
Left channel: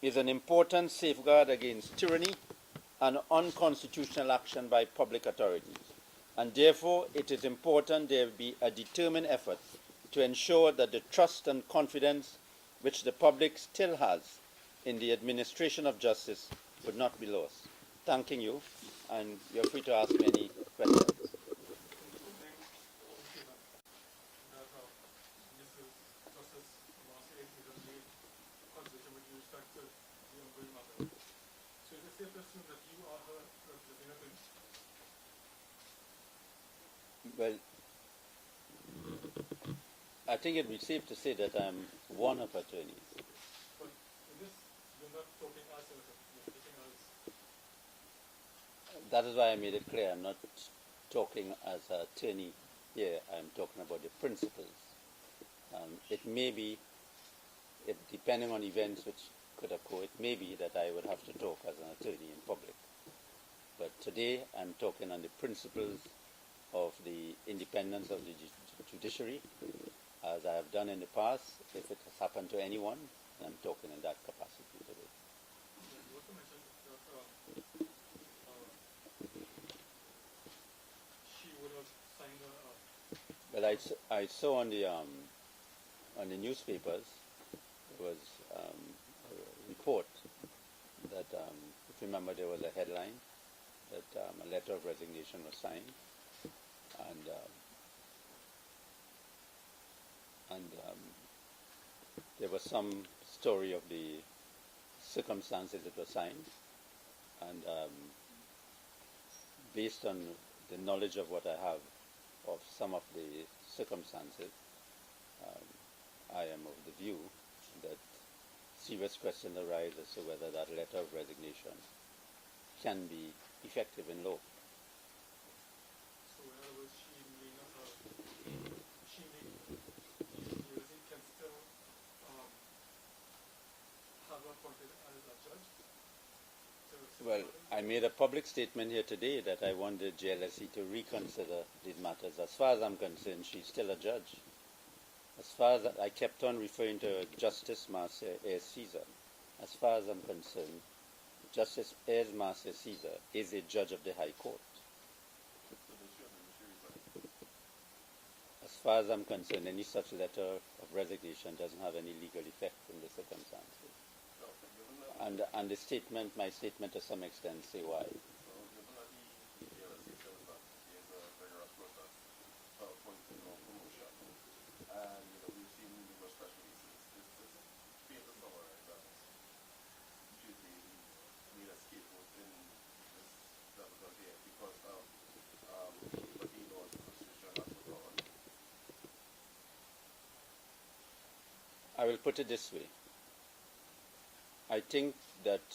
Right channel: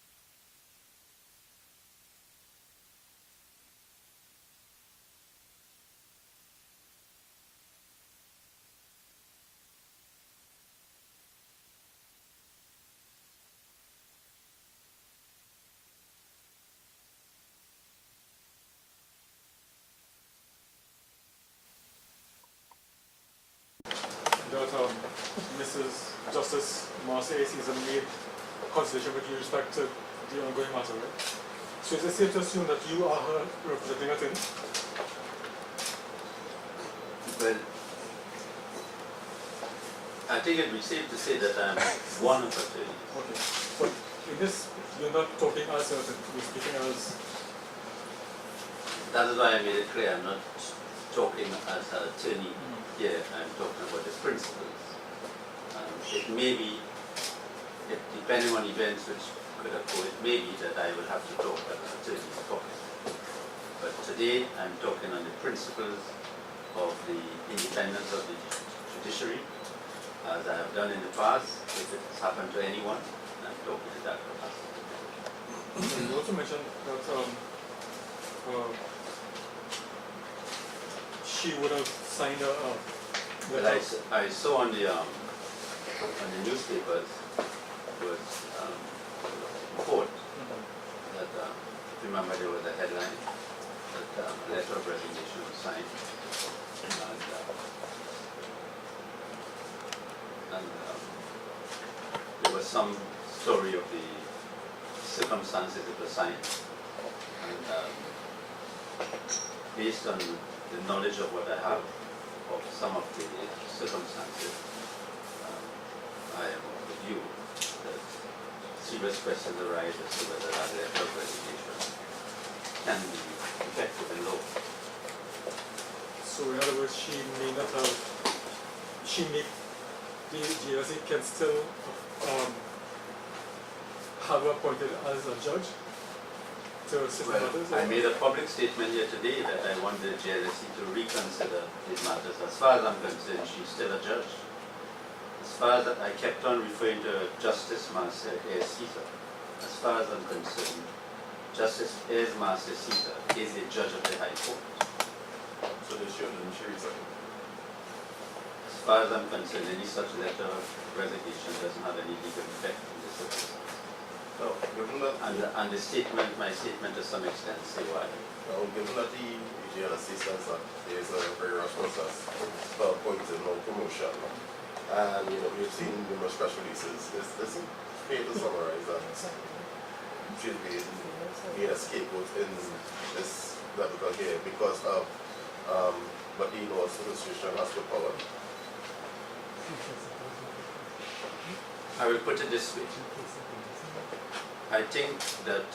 is an important safeguard against tyranny and unconstitutional action by public authorities. And therefore, it is important there be a determined effort to ensure that the trust and confidence which the public still has in the administration of justice would not be lost. Thanking you, and you're free to ask me any questions. That Mrs. Justice Marcia has made a consideration with respect to the ongoing matter. So is it safe to assume that you are her representing attorney? Well, I think it would be safe to say that I'm one of the attorneys. Okay. But in this, you're not talking as an attorney, you're speaking as... That is why I made it clear I'm not talking as an attorney here, I'm talking about the principles. It may be, depending on events which could occur, it may be that I will have to talk as an attorney in public. But today I'm talking on the principles of the independence of the judiciary, as I have done in the past. If it has happened to anyone, I'm talking in that capacity. You also mentioned that she would have signed a well, I saw on the newspapers was report that remember there was a headline that a letter of resignation was signed, and there was some story of the circumstances it was signed, and based on the knowledge of what I have of some of the circumstances, I am of the view that serious questions arise as to whether that letter of resignation can be effective in law. So in other words, the GLSE can still have her appointed as a judge to assist matters? I made a public statement here today that I want the GLSE to reconsider these matters. As far as I'm concerned, she's still a judge. As far as I kept on referring to Justice Marcia Caesar, as far as I'm concerned, Justice Marcia Caesar is a judge of the High Court. So they shouldn't she resign? As far as I'm concerned, any such letter of resignation doesn't have any legal effect in this circumstance. No, given that, And the statement, my statement to some extent, say why. now, given that the GLSE says that there is a very rush process for appointing no promotion, and we've seen numerous press releases, this failed to summarize that she's being made a scapegoat in this level here because of what the laws administration has to power. I will put it this way. I think that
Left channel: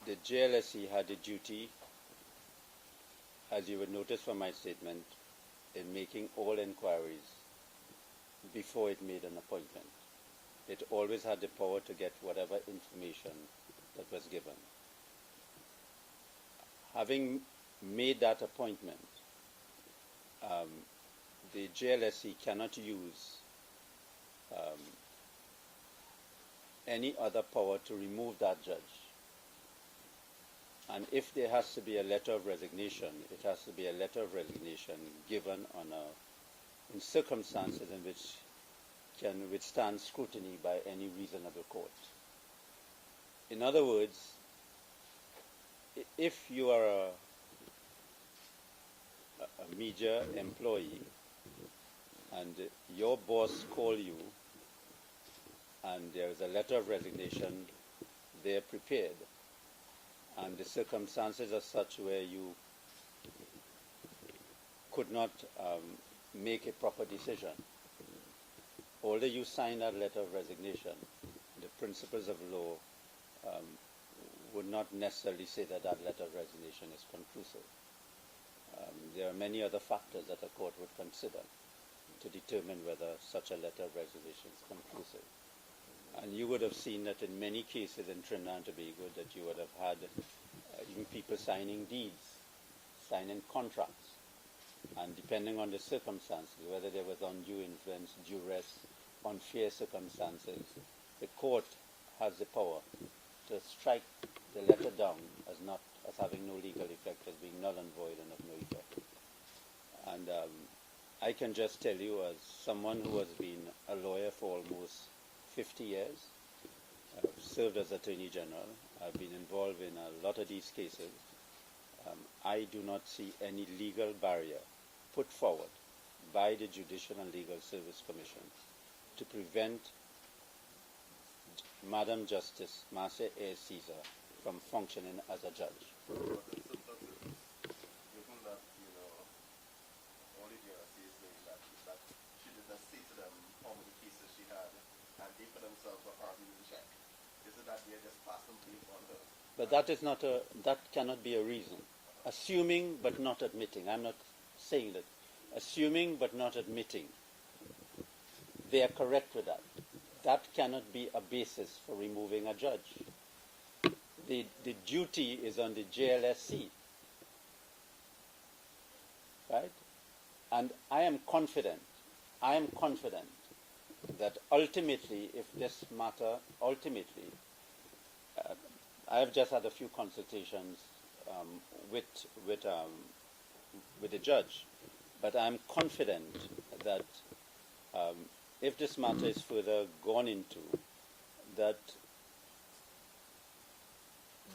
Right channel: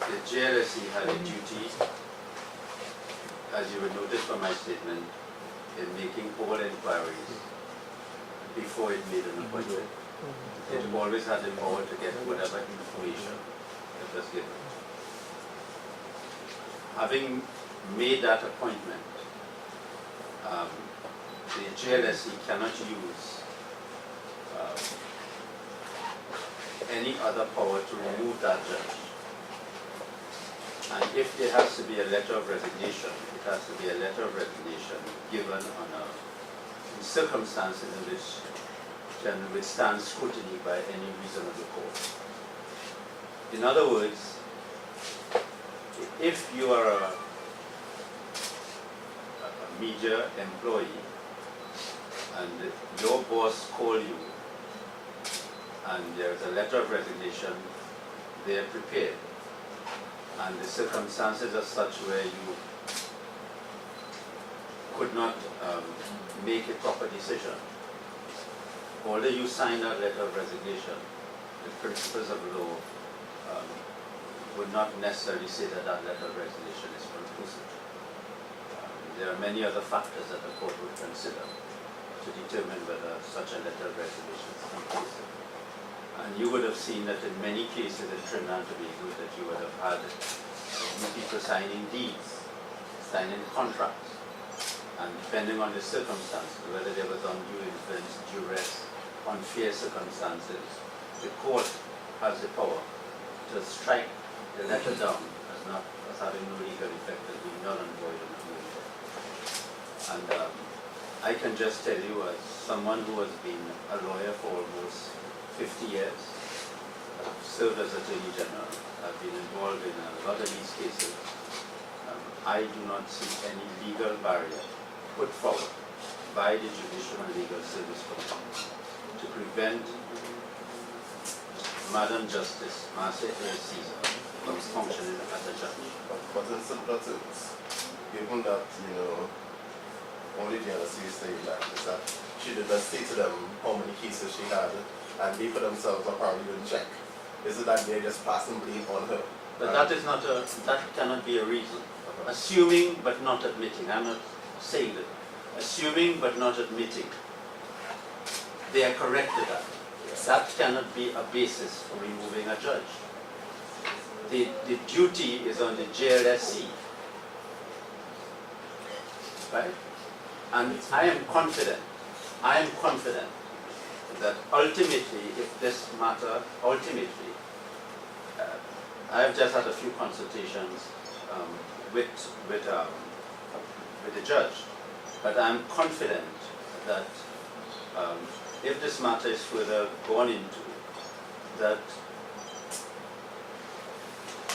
the GLSE had a duty, as you will notice from my statement, in making all inquiries before it made an appointment. It always had the power to get whatever information that was given. Having made that appointment, the GLSE cannot use any other power to remove that judge. And if there has to be a letter of resignation, it has to be a letter of resignation given in circumstances in which can withstand scrutiny by any reasonable court. In other words, if you are a media employee and your boss calls you and there is a letter of resignation, they are prepared, and the circumstances are such where you could not make a proper decision. Although you sign that letter of resignation, the principles of law would not necessarily say that that letter of resignation is conclusive. There are many other factors that the court would consider to determine whether such a letter of reservation is conclusive. And you would have seen that in many cases in Trinidad and Tobago that you would have had people signing deeds, signing contracts, and depending on the circumstances, whether there was undue influence, duress, unfair circumstances, the court has the power to strike the letter down as having no legal effect, as being null and void and unlawful. And I can just tell you, as someone who has been a lawyer for almost 50 years, served as Attorney General, I've been involved in a lot of these cases, I do not see any legal barrier put forward by the Judicial and Legal Service Commission to prevent Madam Justice Marcia A. Caesar from functioning as a judge. But in simpler terms, given that, only the NSC is saying that, is that she did not say to them how many cases she had, and they for themselves apparently didn't check. Is it that they're just passing blame on her? But that cannot be a reason. Assuming but not admitting, I'm not saying that. Assuming but not admitting, they are correct with that. That cannot be a basis for removing a judge. The duty is on the JLSC, right? And I am confident that ultimately, if this matter, I have just had a few consultations with the judge, but I am confident that if this matter is further gone into, that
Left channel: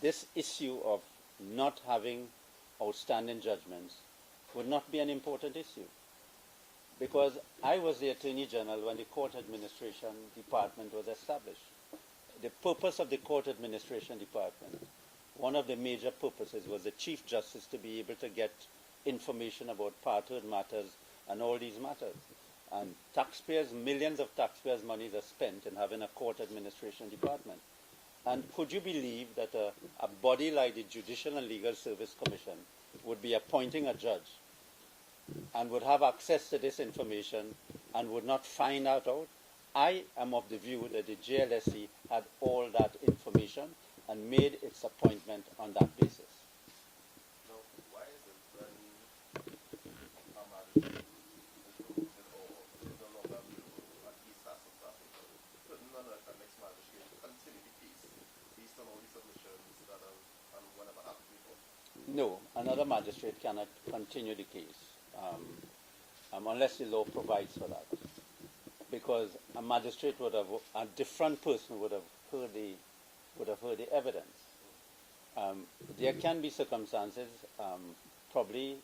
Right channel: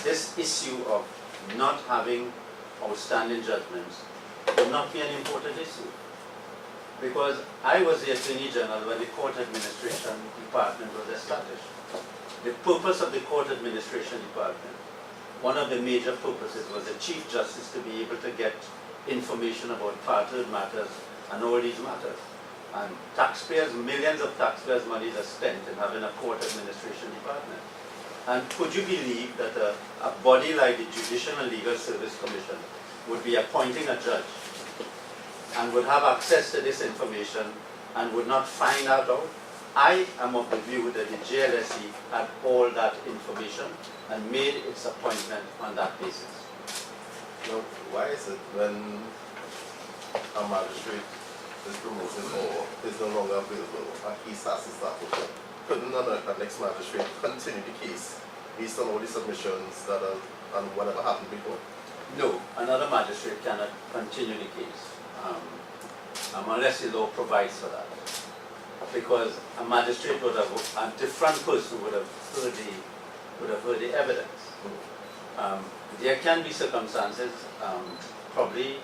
this issue of not having outstanding judgments will not be an important issue. Because I was the Attorney General when the Court Administration Department was established. The purpose of the Court Administration Department, one of the major purposes was the Chief Justice to be able to get information about party matters and all these matters. And taxpayers, millions of taxpayers' money are spent in having a Court Administration Department. And could you believe that a body like the Judicial and Legal Service Commission would be appointing a judge and would have access to this information and would not find out? I am of the view that the JLSE had all that information and made its appointment on that basis. Now, why is it when a magistrate is promoted or is no longer available, a case has to start over? Couldn't a next magistrate continue the case based on all the submissions that are and whatever happened before? No, another magistrate cannot continue the case unless the law provides for that. Because a magistrate would have, a different person would have heard the evidence. There can be circumstances, probably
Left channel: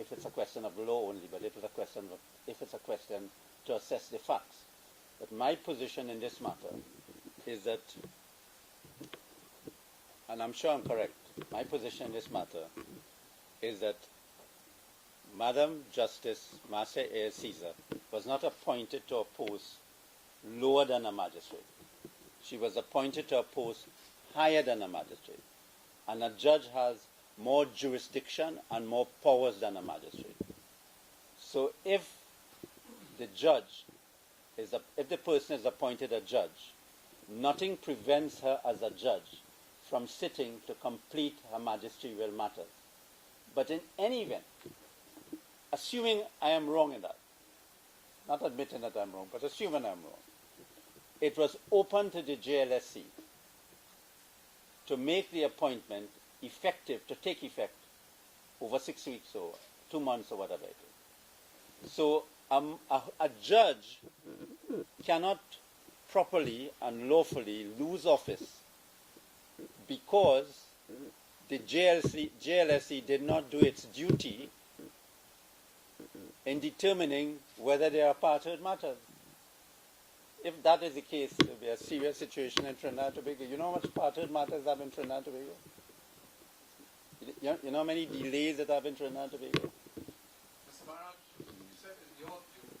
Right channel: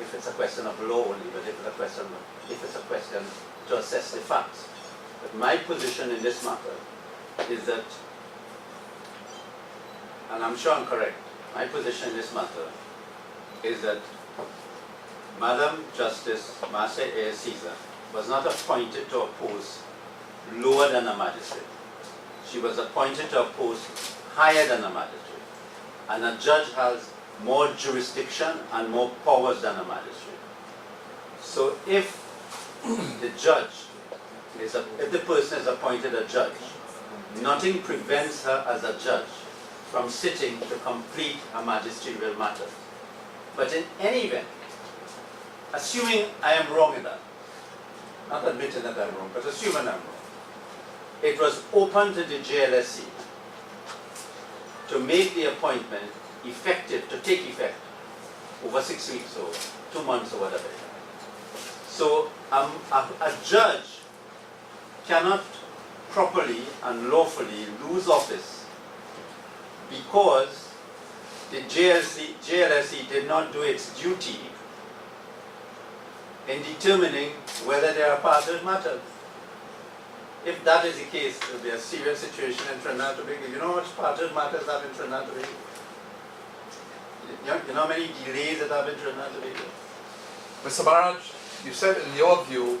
if it's a question of law only, but if it's a question to assess the facts. But my position in this matter is that, and I'm sure I'm correct, my position in this matter is that Madam Justice Marcia A. Caesar was not appointed to a post lower than a magistrate. She was appointed to a post higher than a magistrate. And a judge has more jurisdiction and more powers than a magistrate. So if the person is appointed a judge, nothing prevents her as a judge from sitting to complete a magisterial matter. But in any event, assuming I am wrong in that, not admitting that I'm wrong, but assuming I'm wrong, it was open to the JLSC to make the appointment effective, to take effect over 6 weeks or 2 months or whatever. So a judge cannot properly and lawfully lose office because the JLSC did not do its duty in determining whether there are parted matters. If that is the case, it will be a serious situation in Trinidad and Tobago. You know how much parted matters have in Trinidad and Tobago? You know how many delays that have in Trinidad and Tobago? Mr. Maharaj, you said in your view,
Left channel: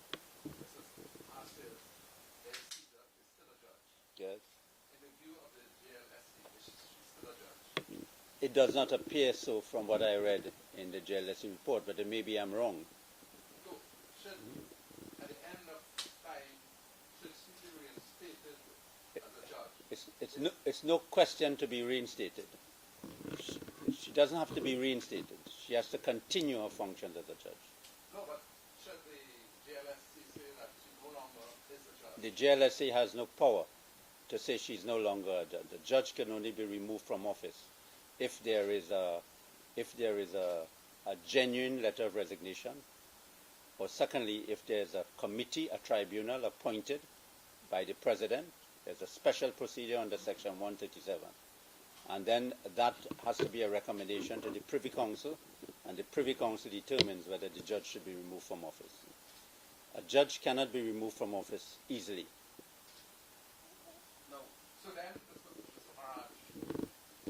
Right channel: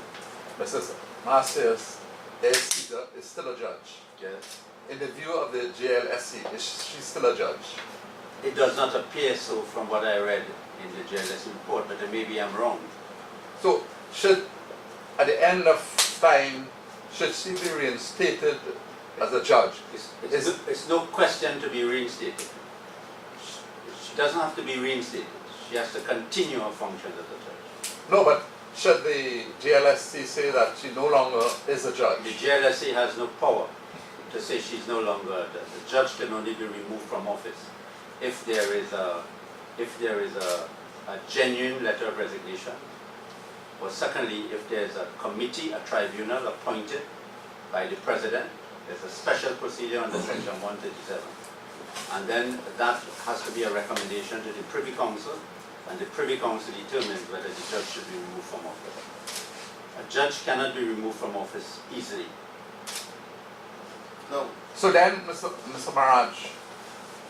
Mrs. Marcia A. Caesar is still a judge. Yes. In the view of the JLSC, is she still a judge? It does not appear so from what I read in the JLSC report, but maybe I'm wrong. So, should at the end of time, should she be reinstated as a judge? It's no question to be reinstated. She doesn't have to be reinstated. She has to continue her function as a judge. No, but should the JLSC say that she no longer is a judge? The JLSC has no power to say she's no longer a judge. The judge can only be removed from office if there is a genuine letter of resignation, or secondly, if there's a committee, a tribunal appointed by the president. There's a special procedure under section 137. And then that has to be a recommendation to the Privy Council, and the Privy Council determines whether the judge should be removed from office. A judge cannot be removed from office easily. No. So then, Mr. Maharaj,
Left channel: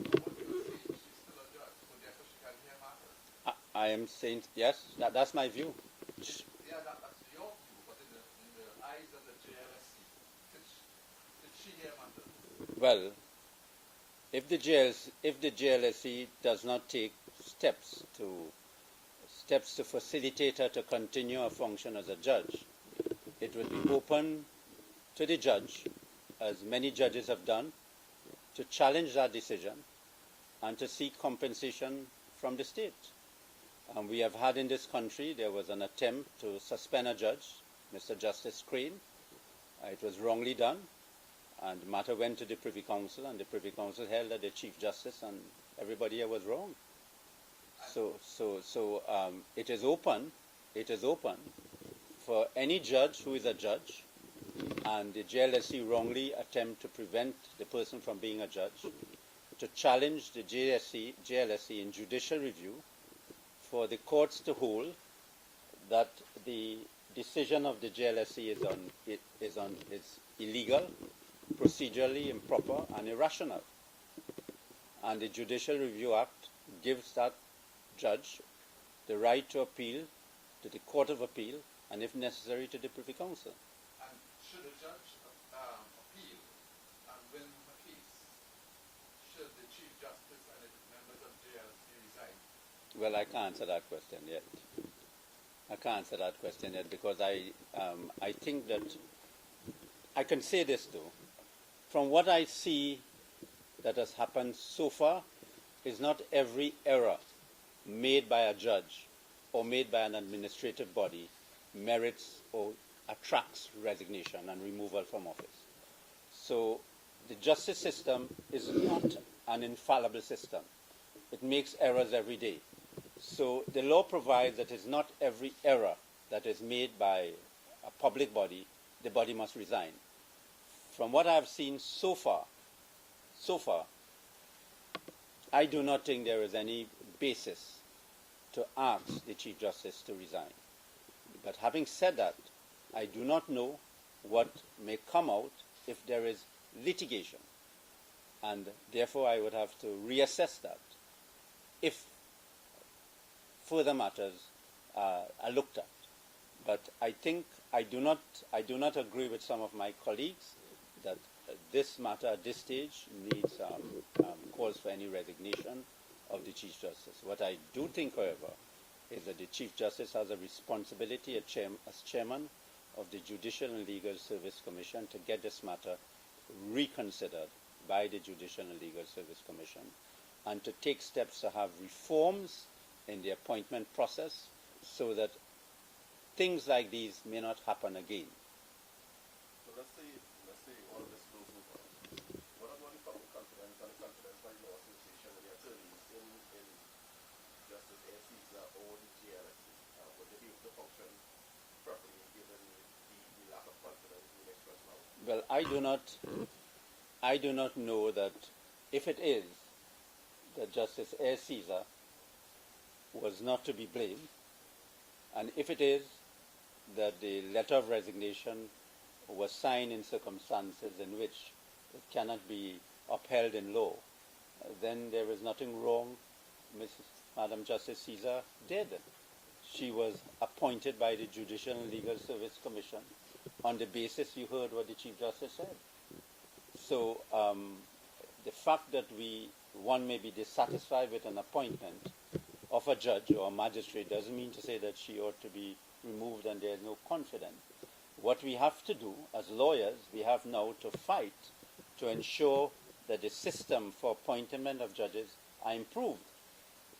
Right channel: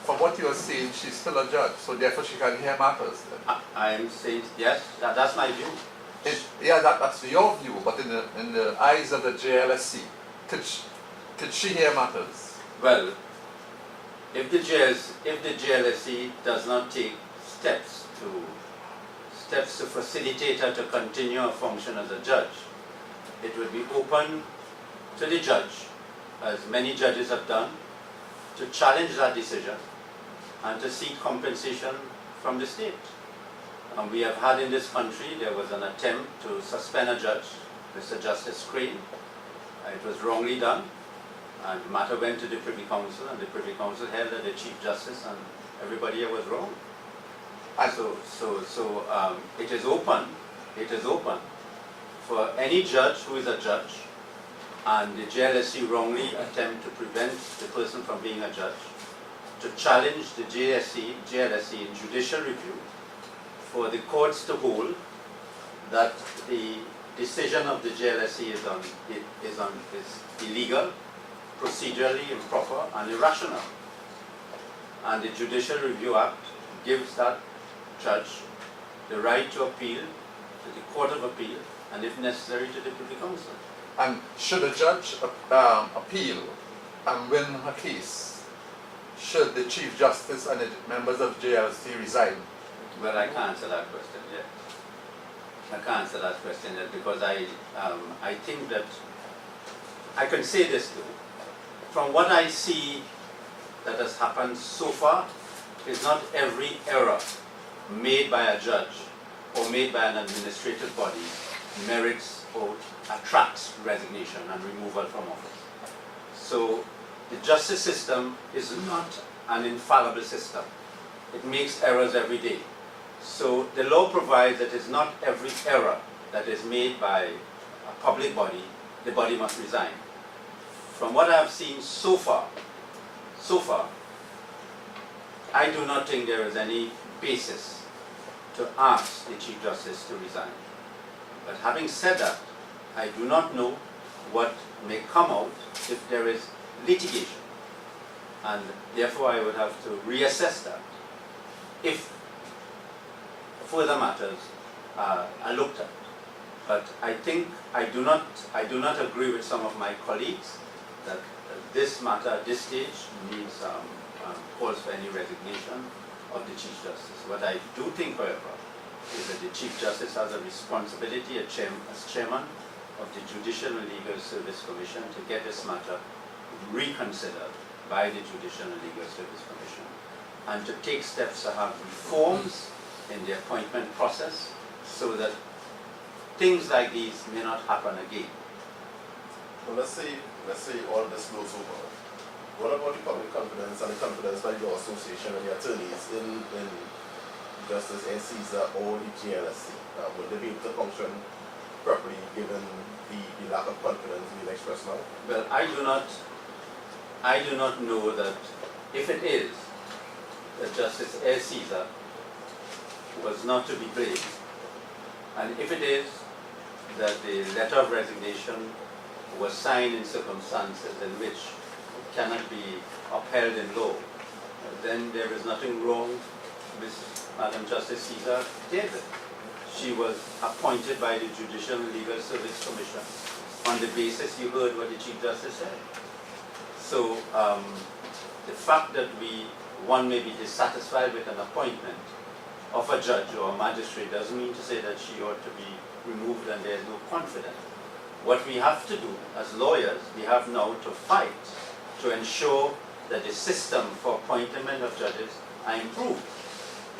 from what you are saying, she's still a judge, so therefore she can hear matters. I am saying, yes, that's my view. Yeah, that's your view, but in the eyes of the JLSC, could she hear matters? Well, if the JLSC does not take steps to facilitate her to continue her function as a judge, it will be open to the judge, as many judges have done, to challenge that decision and to seek compensation from the state. And we have had in this country, there was an attempt to suspend a judge, Mr. Justice Crane. It was wrongly done, and the matter went to the Privy Council, and the Privy Council held that the Chief Justice and everybody here was wrong. And so it is open for any judge who is a judge, and the JLSC wrongly attempt to prevent the person from being a judge, to challenge the JLSC in judicial review, for the courts to hold that the decision of the JLSC is illegal, procedurally improper, and irrational. And the Judicial Review Act gives that judge the right to appeal to the Court of Appeal, and if necessary to the Privy Council. And should a judge appeal and win her case, should the Chief Justice and the members of JLC resign? Well, I can't answer that question yet. I can't answer that question yet because I think that I can say this too. From what I see that has happened so far, is not every error made by a judge or made by an administrative body merits or attracts resignation and removal from office. So the justice system is not an infallible system. It makes errors every day. So the law provides that it's not every error that is made by a public body, the body must resign. From what I have seen so far, I do not think there is any basis to ask the Chief Justice to resign. But having said that, I do not know what may come out if there is litigation. And therefore I would have to reassess that if further matters are looked at. But I think I do not agree with some of my colleagues that this matter at this stage needs calls for any resignation of the Chief Justice. What I do think, however, is that the Chief Justice has a responsibility as chairman of the Judicial and Legal Service Commission to get this matter reconsidered by the Judicial and Legal Service Commission, and to take steps to have reforms in the appointment process so that things like these may not happen again. Well, let's say all of this blows over. What about the public confidence and the confidence by your association and the attorneys in Justice A. Caesar or the JLSC? Will they be able to function properly given the lack of confidence being expressed now? Well, I do not know that if it is that Justice A. Caesar was not to be blamed, and if it is that the letter of resignation was signed in circumstances in which it cannot be upheld in law, then there is nothing wrong with Madam Justice Caesar did. She was appointed by the Judicial and Legal Service Commission on the basis you heard what the Chief Justice said. So the fact that one may be dissatisfied with an appointment of a judge or a magistrate doesn't mean to say that she ought to be removed and there is no confidence. What we have to do as lawyers, we have now to fight to ensure that the system for appointment of judges are improved,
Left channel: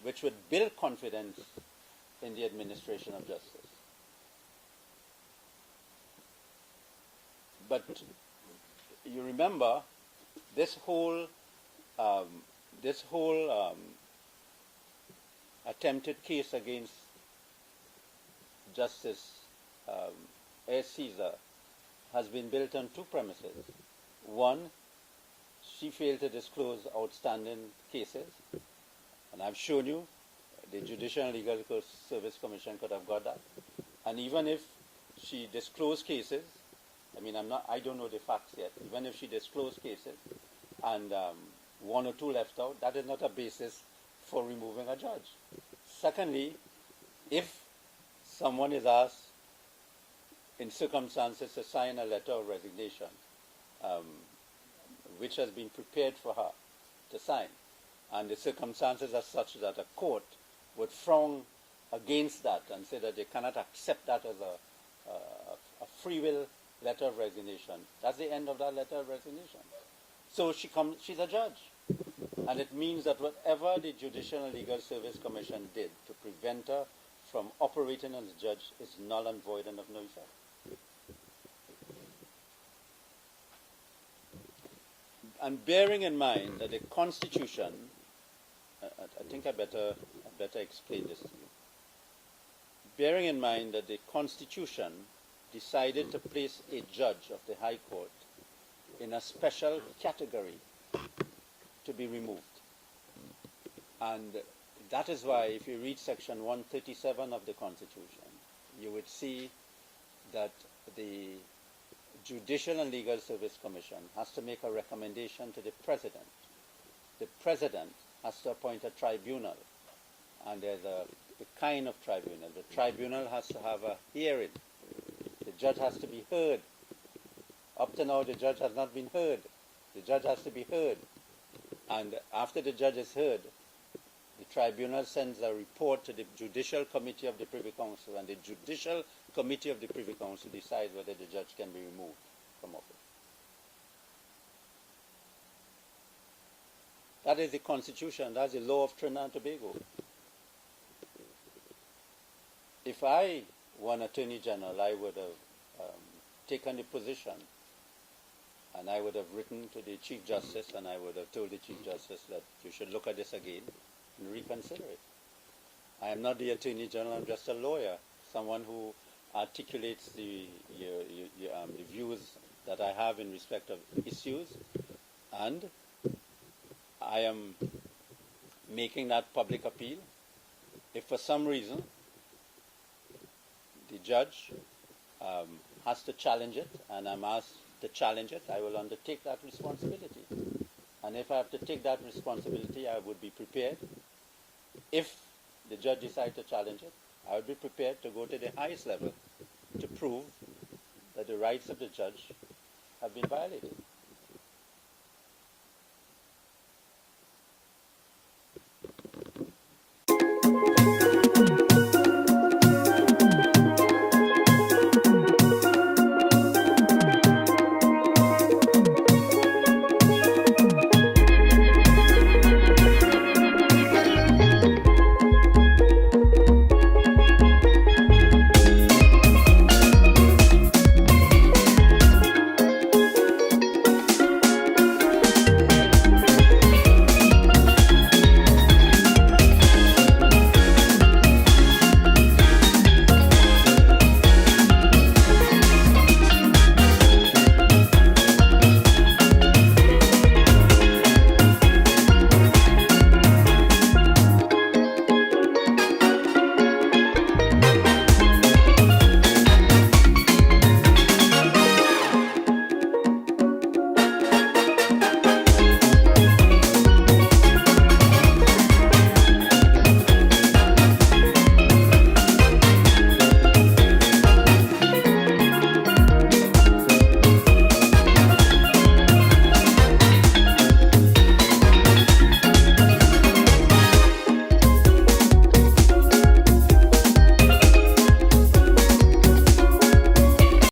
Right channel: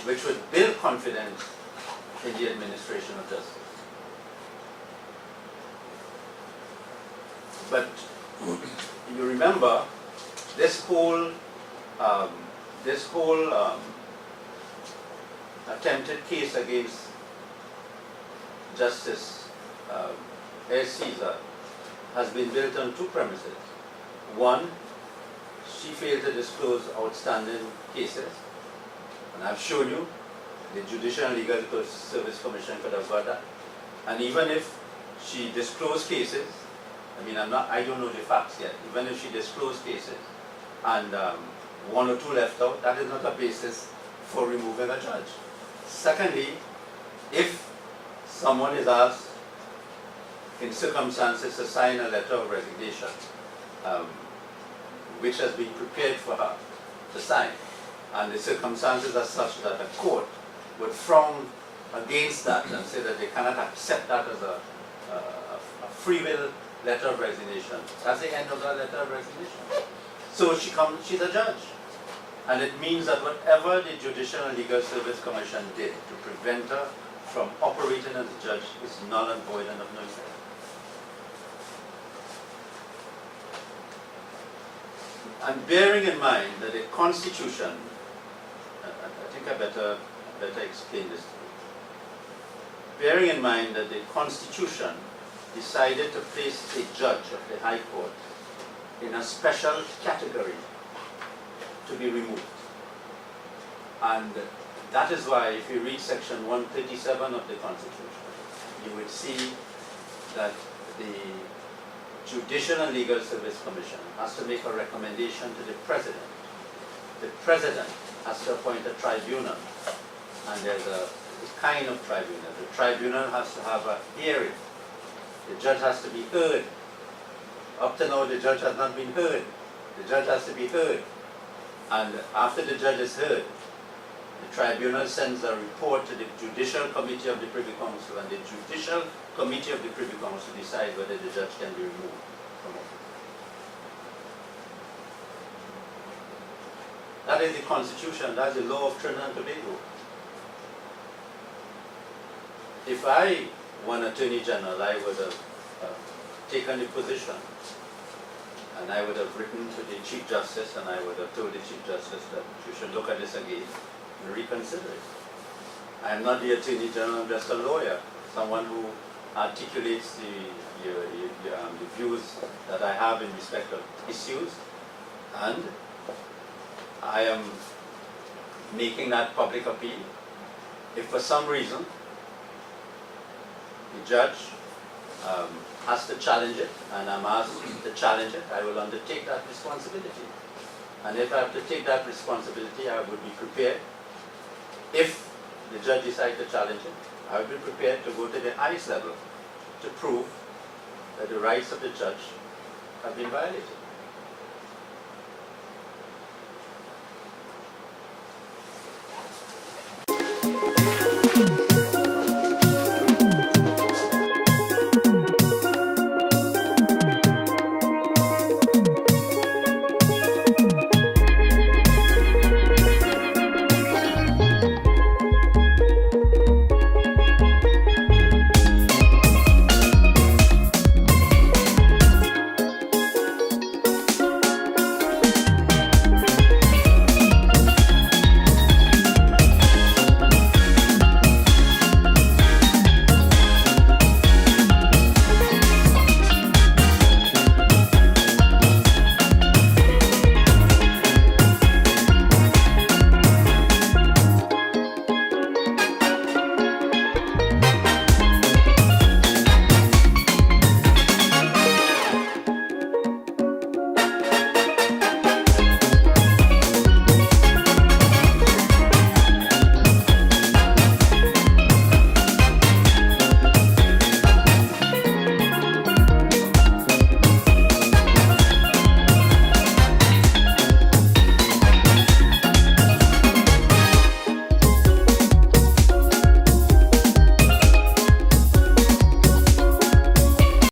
which would build confidence in the administration of justice. But you remember this whole attempted case against Justice A. Caesar has been built on two premises. One, she failed to disclose outstanding cases, and I've shown you the Judicial and Legal Service Commission could have got that. And even if she disclosed cases, I don't know the facts yet. Even if she disclosed cases and one or two left out, that is not a basis for removing a judge. Secondly, if someone is asked in circumstances to sign a letter of resignation, which has been prepared for her to sign, and the circumstances are such that a court would frown against that and say that they cannot accept that as a free will letter of resignation. That's the end of that letter of resignation. So she's a judge. And it means that whatever the Judicial and Legal Service Commission did to prevent her from operating as a judge is null and void and of no effect. And bearing in mind that the Constitution, I think I better explain this to you. Bearing in mind that the Constitution decided to place a judge of the High Court in a special category to be removed. And that is why if you read section 137 of the Constitution, you would see that the Judicial and Legal Service Commission has to make a recommendation to the President. The President has to appoint a tribunal, and there's a kind of tribunal. The tribunal has to have a hearing. The judge has to be heard. Up to now, the judge has not been heard. The judge has to be heard. And after the judge is heard, the tribunal sends a report to the Judicial Committee of the Privy Council, and the Judicial Committee of the Privy Council decides whether the judge can be removed from office. That is the Constitution, that's the law of Trinidad and Tobago. If I were an Attorney General, I would have taken the position, and I would have written to the Chief Justice, and I would have told the Chief Justice that you should look at this again and reconsider it. I am not the Attorney General, I'm just a lawyer, someone who articulates the views that I have in respect of issues, and I am making that public appeal. If for some reason the judge has to challenge it, and I'm asked to challenge it, I will undertake that responsibility. And if I have to take that responsibility, I would be prepared. If the judge decides to challenge it, I would be prepared to go to the highest level to prove that the rights of the judge have been violated.